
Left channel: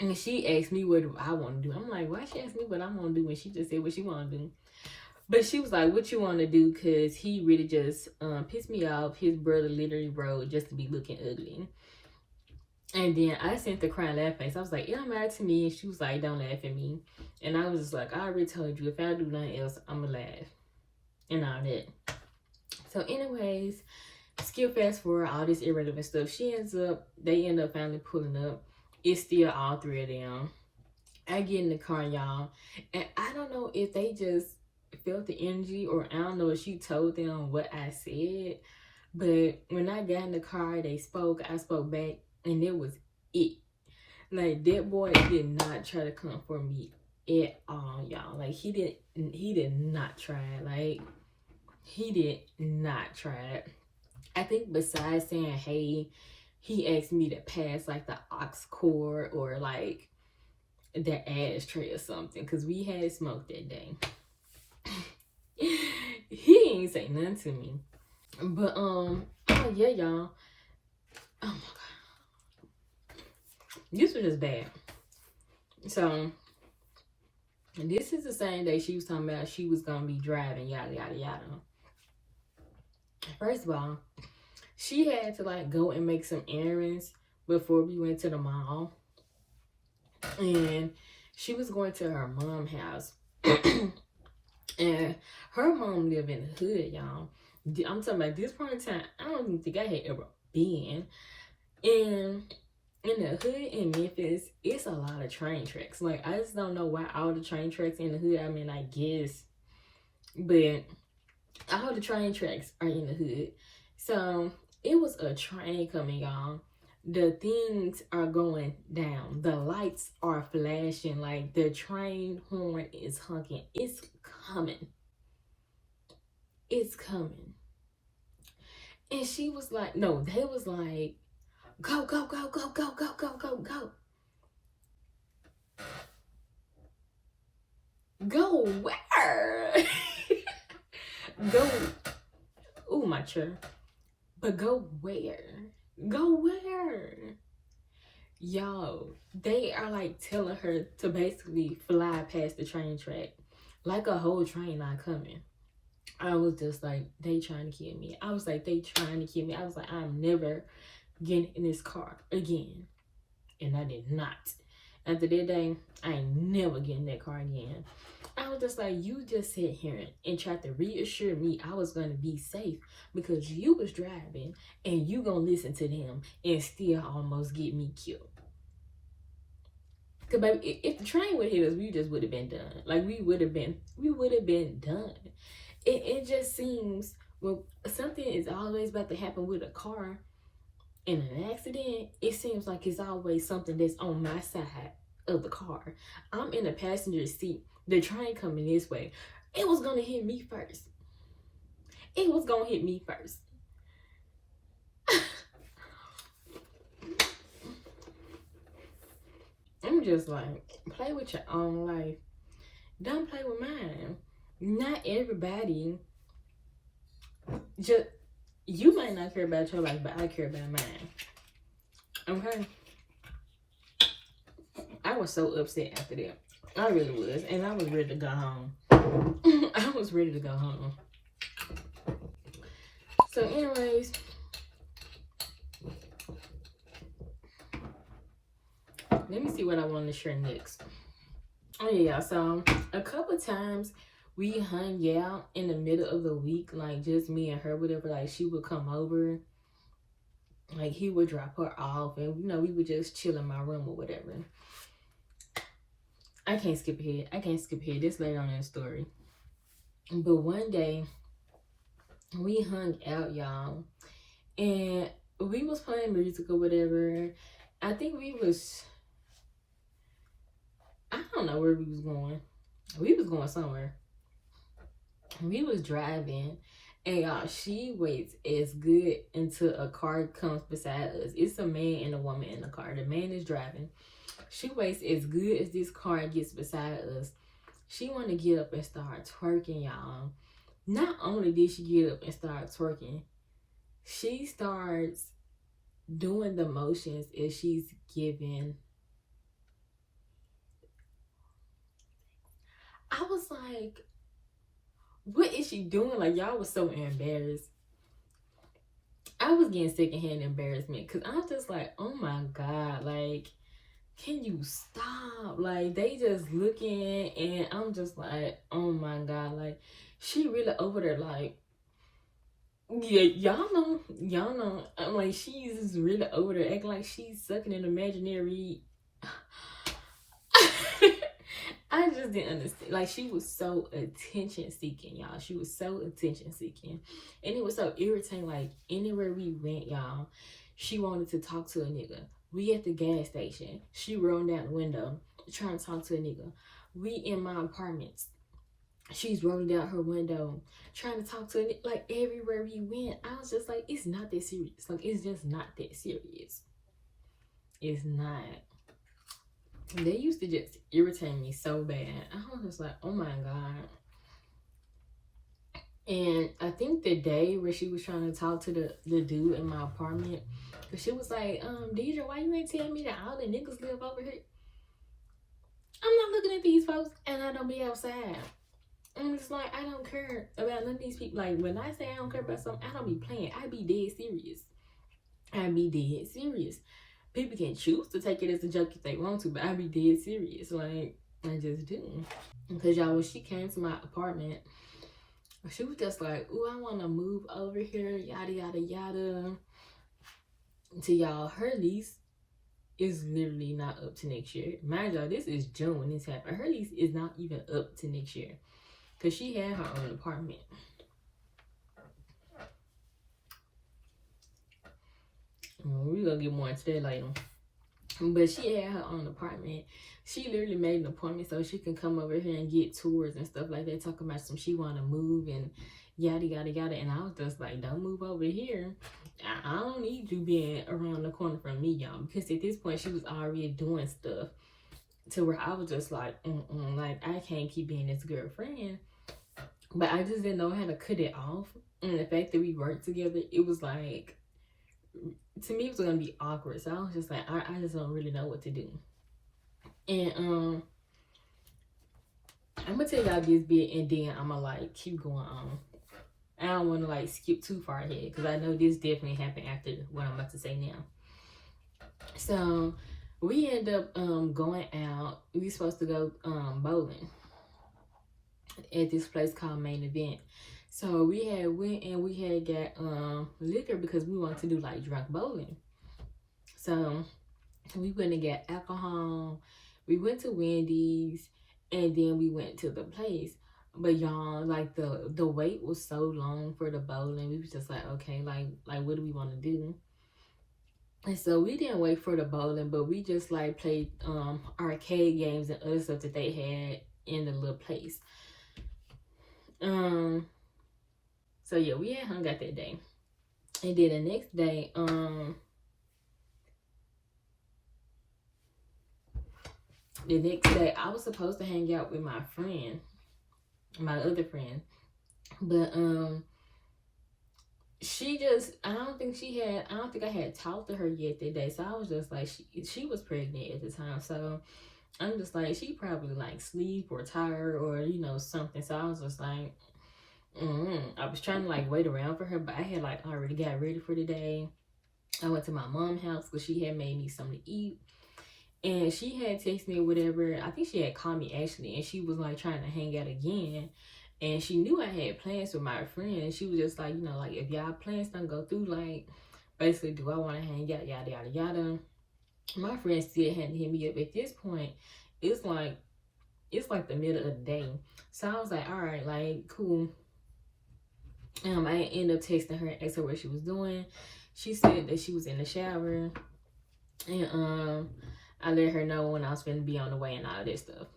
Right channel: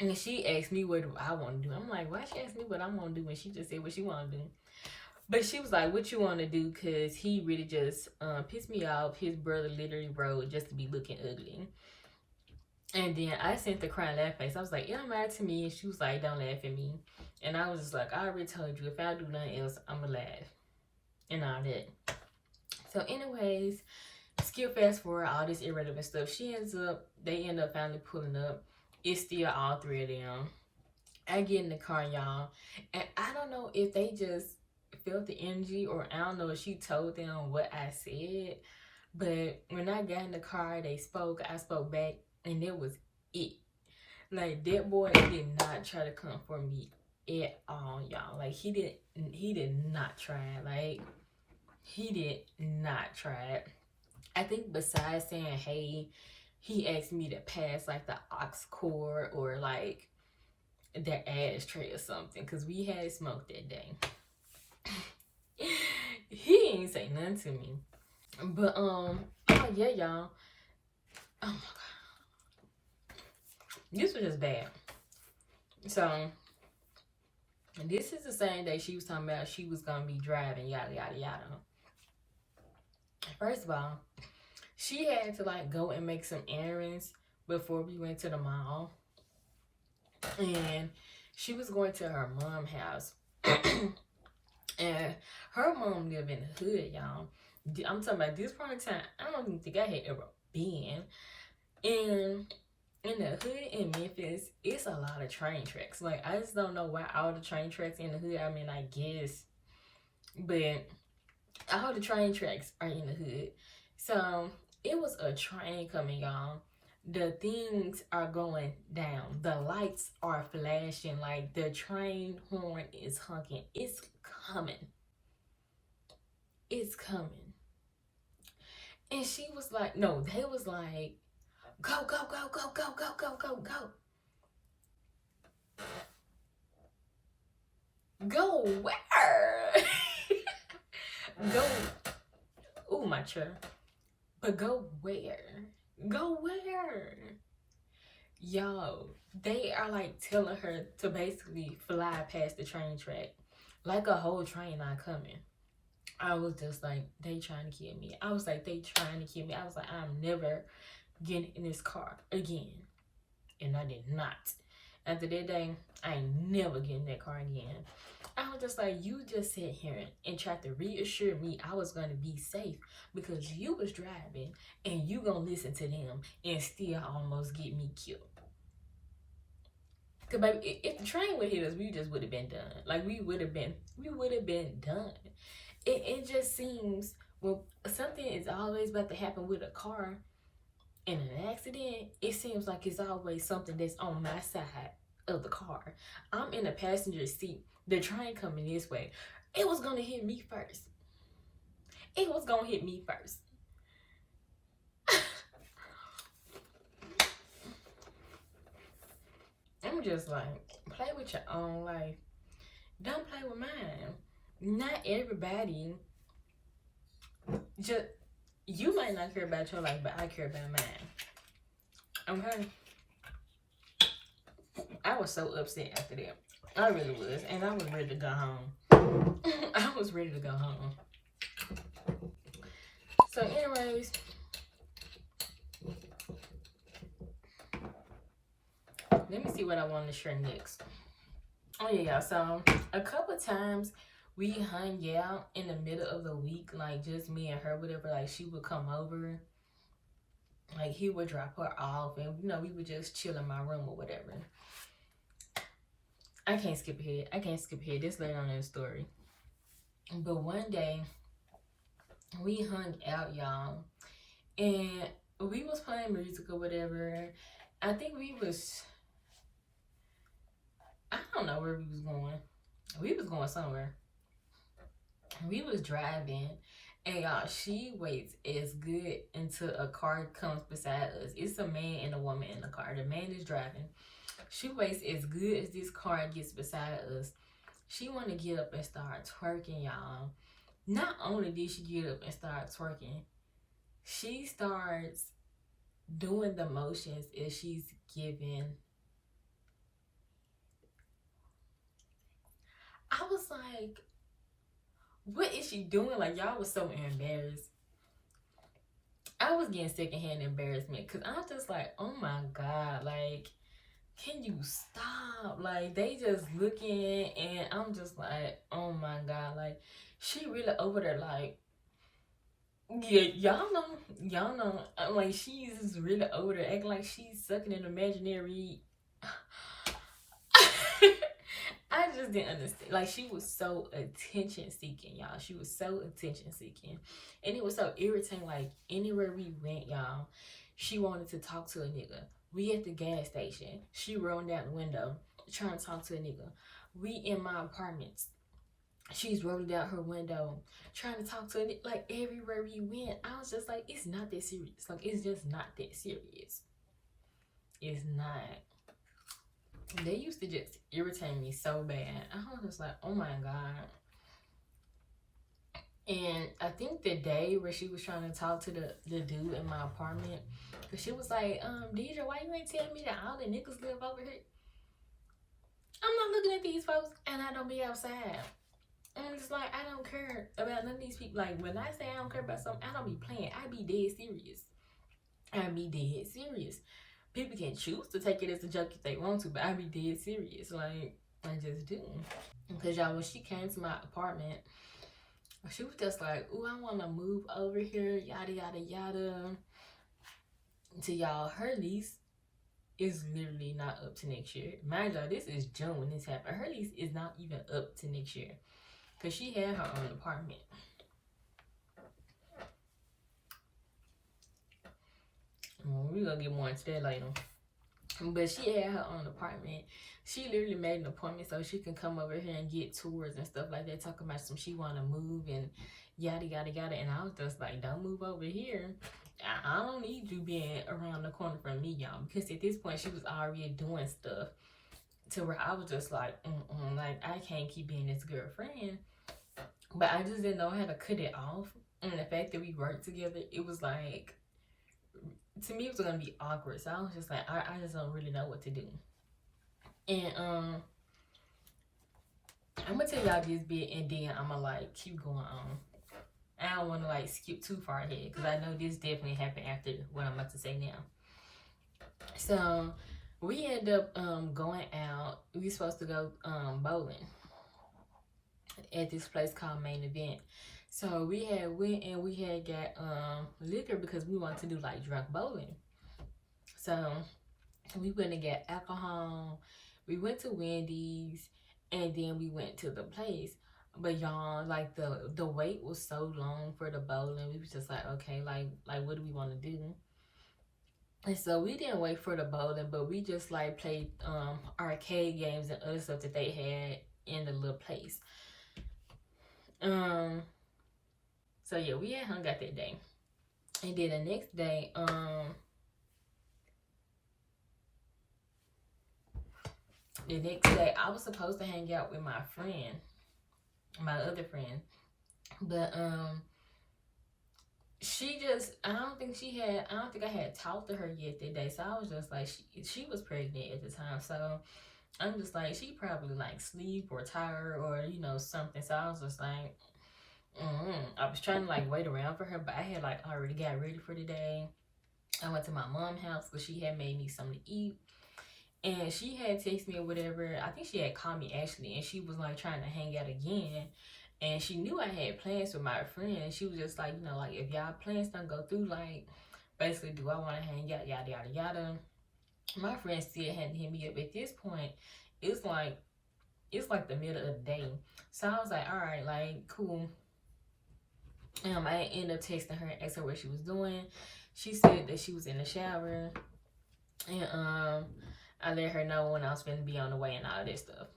And she asked me what I want to do. I'm like, why she asked me what I want to do when she just said what she want to do? But she was like, what you want to do? Because he really just pissed me off. His brother literally wrote just to be looking ugly. And then I sent the crying laugh face. I was like, yeah, I'm mad to me. And she was like, don't laugh at me. And I was just like, I already told you, if I don't do nothing else, I'm going to laugh. And all that. So anyways, skip fast forward all this irrelevant stuff. They end up finally pulling up. It's still all 3 of them. I get in the car, y'all. And I don't know if they just felt the energy, or I don't know if she told them what I said. But when I got in the car, they spoke. I spoke back. And that was it. Like, that boy did not try to come for me at all, y'all. Like, he did not try. Like, he did not try it. I think besides saying hey, he asked me to pass like the aux cord or like the ashtray or something because we had smoked that day. He ain't say nothing to me. But oh yeah, y'all. Oh my god. This was just bad. So this is the same day she was talking about she was gonna be driving, yada yada yada. First of all, she had to like go and make some errands before we went to the mall. And she was going to her mom's house. And her mom lived in the hood, y'all. I'm talking about this part of time, I don't even think I had ever been. And in the hood in Memphis, it's a lot of train tracks. Like, I just don't know why all the train tracks in the hood, I mean, I guess. But all the train tracks are in the hood. So, it was a train coming, y'all. The things are going down. The lights are flashing. Like, the train horn is honking. It's coming. It's coming. And she was like, no, they was like, go, go, go, go, go, go, go, go, go. Go where? Go. Ooh, my chair. But go where? Go where? Yo, they are like telling her to basically fly past the train track. Like a whole train not coming. I was just like, they trying to kill me. I was like, they trying to kill me. I was like, I'm never getting in this car again. And I did not. After that day, I ain't never getting in that car again. I was just like, you just sit here and tried to reassure me I was going to be safe because you was driving and you going to listen to them and still almost get me killed. Because baby, if the train would hit us, we just would have been done. Like, we would have been done. It just seems when something is always about to happen with a car in an accident, it seems like it's always something that's on my side of the car. I'm in the passenger seat. The train coming this way. It was gonna hit me first. It was gonna hit me first. I'm just like, play with your own life. Don't play with mine. Not everybody. Just, you might not care about your life, but I care about mine. Okay? I was so upset after that. I really was. And I was ready to go home. I was ready to go home. So anyways, let me see what I want to share next. Oh yeah, so a couple times we hung out in the middle of the week, like just me and her, whatever. Like she would come over, like he would drop her off, and you know we would just chill in my room or whatever. I can't skip ahead. This later on in the story. But one day we hung out, y'all, and we was playing music or whatever. I think I don't know where we was going. We was going somewhere. We was driving, and y'all, she waits as good until a car comes beside us. It's a man and a woman in the car. The man is driving. She waits as good as this car gets beside us. She want to get up and start twerking, y'all. Not only did she get up and start twerking, she starts doing the motions as she's giving. I was like, what is she doing? Like, y'all was so embarrassed. I was getting secondhand embarrassment because I'm just like, oh my God, like, can you stop? Like, they just looking, and I'm just like, oh my God, like, she really over there, like, yeah, y'all know. I'm like, she's really over there acting like she's sucking an imaginary. I just didn't understand. Like, she was so attention seeking, y'all. She was so attention seeking. And it was so irritating. Like, anywhere we went, y'all, she wanted to talk to a nigga. We at the gas station. She rolled down the window trying to talk to a nigga. We in my apartments. She's rolling down her window, trying to talk to it. Like everywhere we went, I was just like, it's not that serious. Like it's just not that serious. It's not. They used to just irritate me so bad. I was just like, oh my god. And I think the day where she was trying to talk to the dude in my apartment, she was like, Deidre, why you ain't tell me that all the niggas live over here? I'm not looking at these folks and I don't be outside. And it's like, I don't care about none of these people. Like, when I say I don't care about something, I don't be playing. I be dead serious. I be dead serious. People can choose to take it as a joke if they want to, but I be dead serious. Like, I just do. Because, y'all, when she came to my apartment, she was just like, ooh, I want to move over here, yada, yada, yada. To y'all, her lease is literally not up to next year. Mind y'all, this is June when this happened. Her lease is not even up to next year. Because she had her own apartment. We're going to get more into that later. But she had her own apartment. She literally made an appointment so she can come over here and get tours and stuff like that. Talking about some she want to move and yada, yada, yada. And I was just like, don't move over here. I don't need you being around the corner from me, y'all. Because at this point, she was already doing stuff to where I was just like, like, I can't keep being this girlfriend. But I just didn't know how to cut it off. And the fact that we worked together, it was like, to me, it was gonna be awkward. So I was just like, I just don't really know what to do. And I'm gonna tell y'all this bit, and then I'm gonna like keep going on. I don't want to like skip too far ahead because I know this definitely happened after what I'm about to say now. So we end up going out. We were supposed to go bowling at this place called Main Event. So we had went and we had got liquor because we wanted to do like drunk bowling. So we went and got alcohol. We went to Wendy's and then we went to the place. But y'all, like the wait was so long for the bowling. We was just like, okay, like what do we want to do? And so we didn't wait for the bowling, but we just like played arcade games and other stuff that they had in the little place. So yeah, we had hung out that day. And then the next day, I was supposed to hang out with my friend, my other friend. But she just, I don't think I had talked to her yet that day. So I was just like, she was pregnant at the time. So I'm just like, she probably like sleep or tired or, you know, something. So I was just like, I was trying to like wait around for her, but I had like already got ready for the day. I went to my mom's house because she had made me something to eat. And she had texted me or whatever. I think she had called me actually. And she was like trying to hang out again. And she knew I had plans with my friend. She was just like, you know, like if y'all plans don't go through, like basically, do I want to hang out, yada, yada, yada. My friend still hadn't hit me up. At this point, it's like the middle of the day. So I was like, all right, like cool. I ended up texting her and asked her what she was doing. She said that she was in the shower. And I let her know when I was going to be on the way and all that stuff.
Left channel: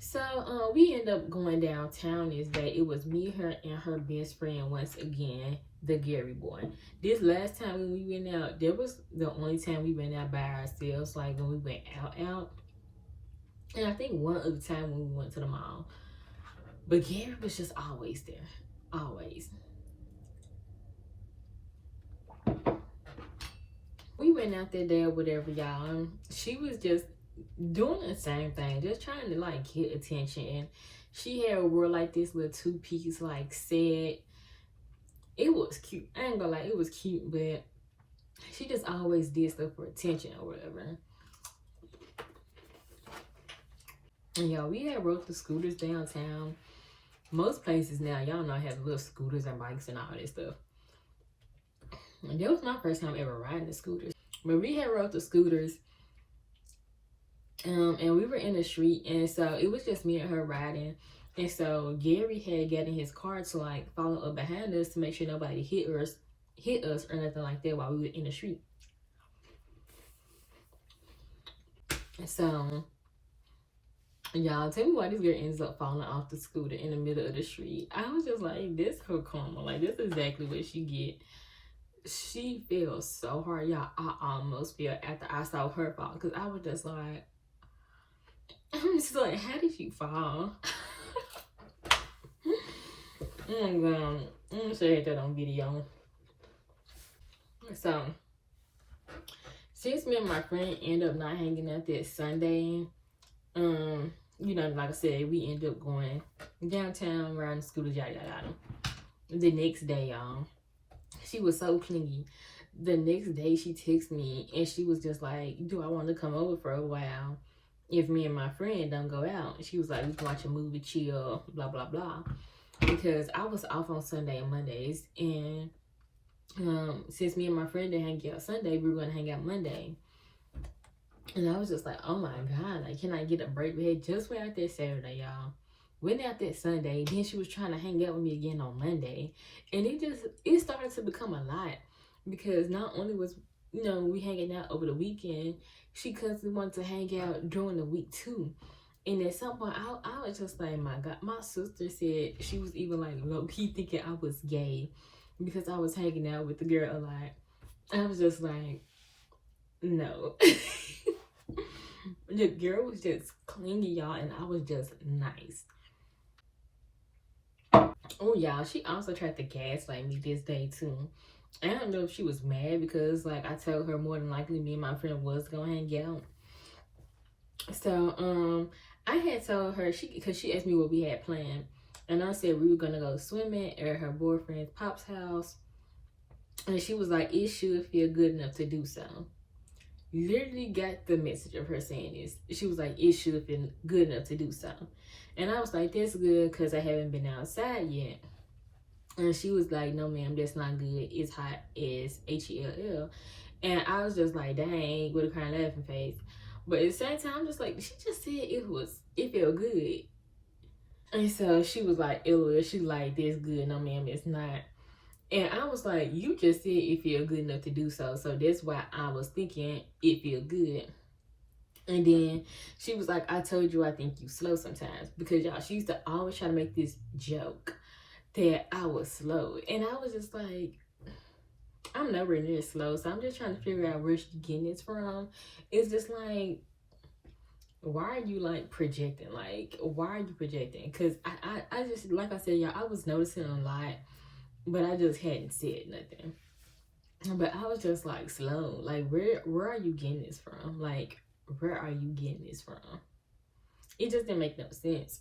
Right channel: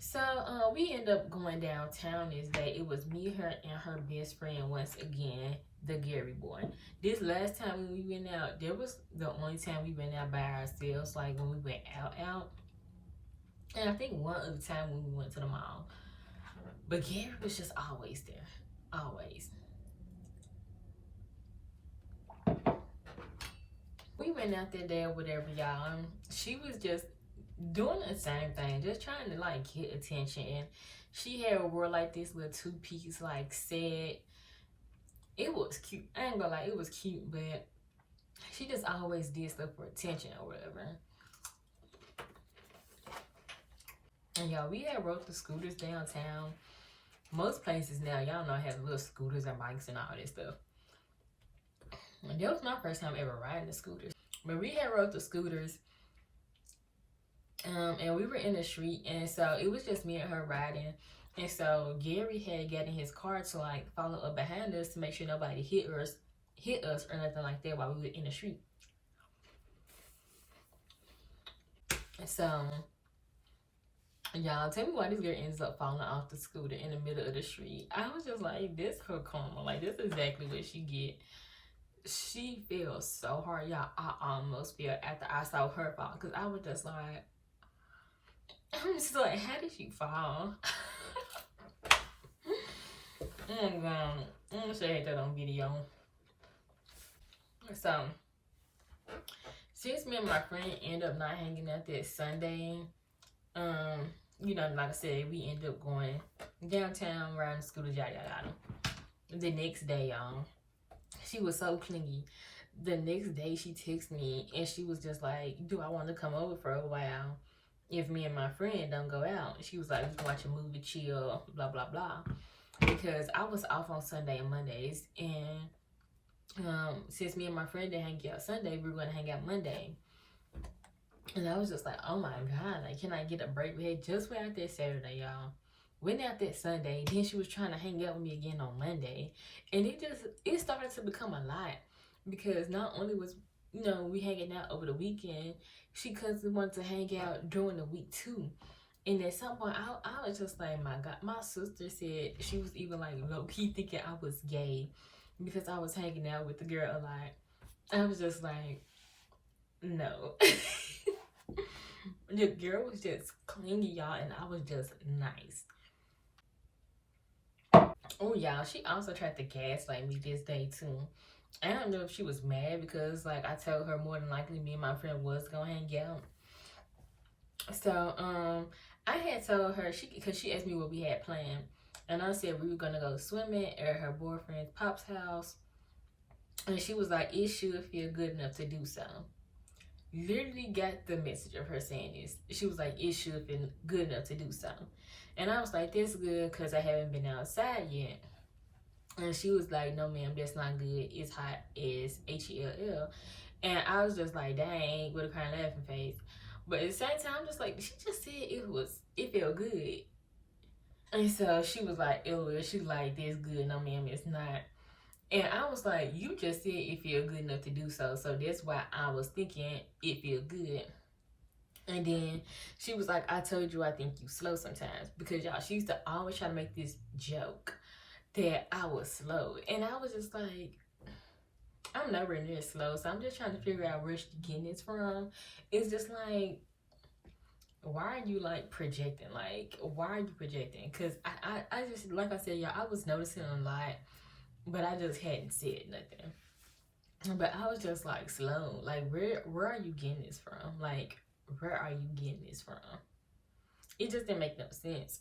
So we ended up going downtown this day. It was me, her, and her best friend once again, the Gary boy. This last time when we went out, that was the only time we went out by ourselves, like when we went out. And I think one other time when we went to the mall. But Gary was just always there. Always. We went out that day or whatever, y'all. She was just doing the same thing, just trying to like get attention. And she had wore like this little two-piece like set. It was cute. I ain't gonna lie, it was cute, but she just always did stuff for attention or whatever. And y'all, we had rode the scooters downtown. Most places now, y'all know, have little scooters and bikes and all that stuff. And that was my first time ever riding the scooters. But we had rode the scooters. And we were in the street, and so it was just me and her riding. And so Gary had got in his car to like follow up behind us to make sure nobody hit us or nothing like that while we were in the street. And so Y'all, tell me why this girl ends up falling off the scooter in the middle of the street. I was just like, this her karma. Like, this is exactly what she get. She fell so hard, y'all. I almost fell after I saw her fall. Because I was just like, I'm just like, how did she fall? I'm gonna show you that on video. So, since me and my friend end up not hanging out that Sunday, you know, like I said, we end up going downtown, riding scooters, yada yada yada. The next day, y'all, she was so clingy. The next day, she texted me and she was just like, "Do I want to come over for a while? If me and my friend don't go out?" She was like, "We can watch a movie, chill, blah blah blah." Because I was off on Sunday and Mondays, and since me and my friend didn't hang out Sunday, we were gonna hang out Monday. And I was just like, oh my God, like, can I get a break? We had just went out there Saturday, y'all. Went out there Sunday. Then she was trying to hang out with me again on Monday. And it started to become a lot. Because not only was, you know, we hanging out over the weekend, she constantly wanted to hang out during the week too. And at some point, I was just like, my God. My sister said she was even like low-key thinking I was gay because I was hanging out with the girl a lot. I was just like, no. The girl was just clingy, y'all, and I was just nice. Oh, y'all, she also tried to gaslight me this day too. I don't know if she was mad because, like, I told her more than likely me and my friend was gonna hang out. So, I had told her because she asked me what we had planned, and I said we were gonna go swimming at her boyfriend's pop's house, and she was like, "It should feel good enough to do so." Literally got the message of her saying this. She was like, "It should feel good enough to do so." And I was like, "That's good because I haven't been outside yet." And she was like, "No, ma'am, that's not good. It's hot as HELL." And I was just like, dang, with a kind of laughing face. But at the same time, I'm just like, she just said it felt good. And so she was like, "LOL," she like, "That's good. No, ma'am, it's not." And I was like, you just said it feel good enough to do so. So that's why I was thinking it feel good. And then she was like, "I told you I think you slow sometimes." Because y'all, she used to always try to make this joke that I was slow. And I was just like, I'm nowhere near slow. So I'm just trying to figure out where she's getting this from. It's just like, why are you like projecting? Like, why are you projecting? Because I just, like I said, y'all, I was noticing a lot, but I just hadn't said nothing. But I was just like, slow. Like, where are you getting this from? Like, where are you getting this from? It just didn't make no sense.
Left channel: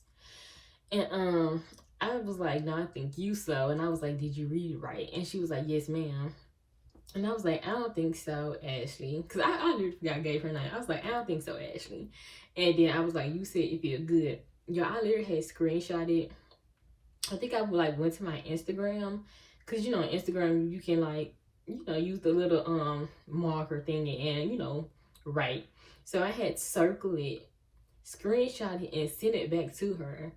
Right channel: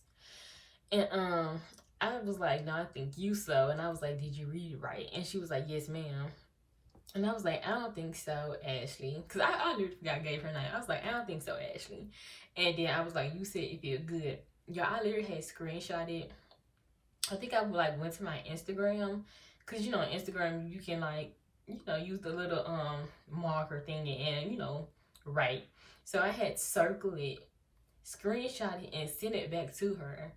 And I was like, "No, I think you slow." And I was like, "Did you read it right?" And she was like, "Yes, ma'am." And I was like, "I don't think so, Ashley." Because I literally forgot I gave her name. I was like, "I don't think so, Ashley." And then I was like, "You said it feel good." Y'all, I literally had screenshotted. I think I like went to my Instagram. Because, you know, on Instagram, you can like, you know, use the little marker thing and, you know, write. So I had circled it, screenshot it, and sent it back to her.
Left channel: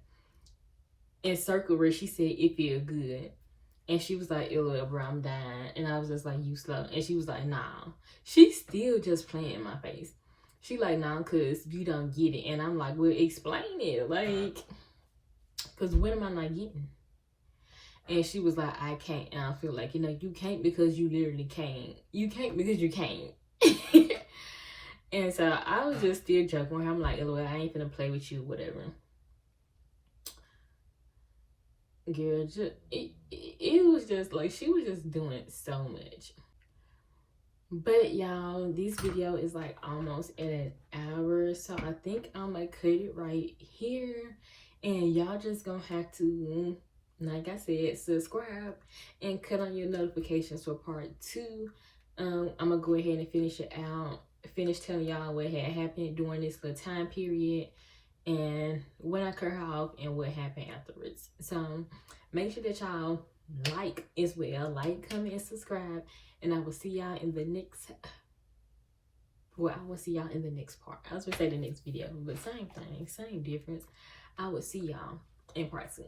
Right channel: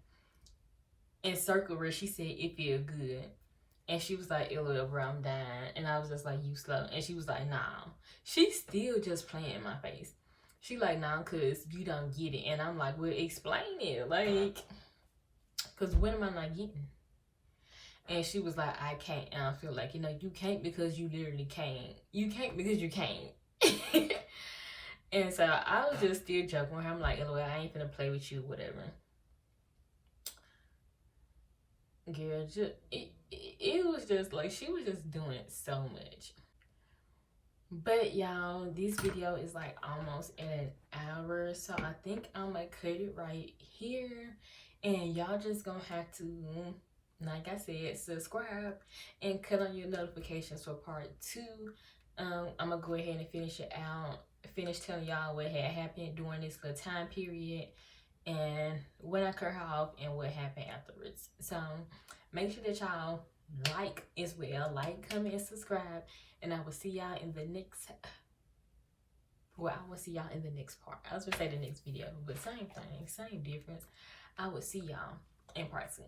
And circled where she said it feel good. And she was like, "Ew, bro, I'm dying." And I was just like, "You slow." And she was like, "Nah." She's still just playing in my face. She like, "Nah, cause you don't get it." And I'm like, "Well, explain it. Like, cause what am I not getting?" And she was like, "I can't." And I feel like, you know, you can't because you literally can't. You can't because you can't. And so I was just still joking with her. I'm like, "LOL, I ain't finna play with you, whatever." Girl, just it was just like she was just doing so much. But y'all, this video is like almost at an hour, so I think I'm gonna cut it right here, and y'all just gonna have to, like I said, subscribe and cut on your notifications for part 2. I'm gonna go ahead and finish it out, finish telling y'all what had happened during this little time period, and when I cut her off and what happened afterwards. So make sure that y'all like as well, like, comment, and subscribe, and I will see y'all in the next, well, I will see y'all in the next part. I was gonna say the next video, but same thing, same difference. I will see y'all in part 2.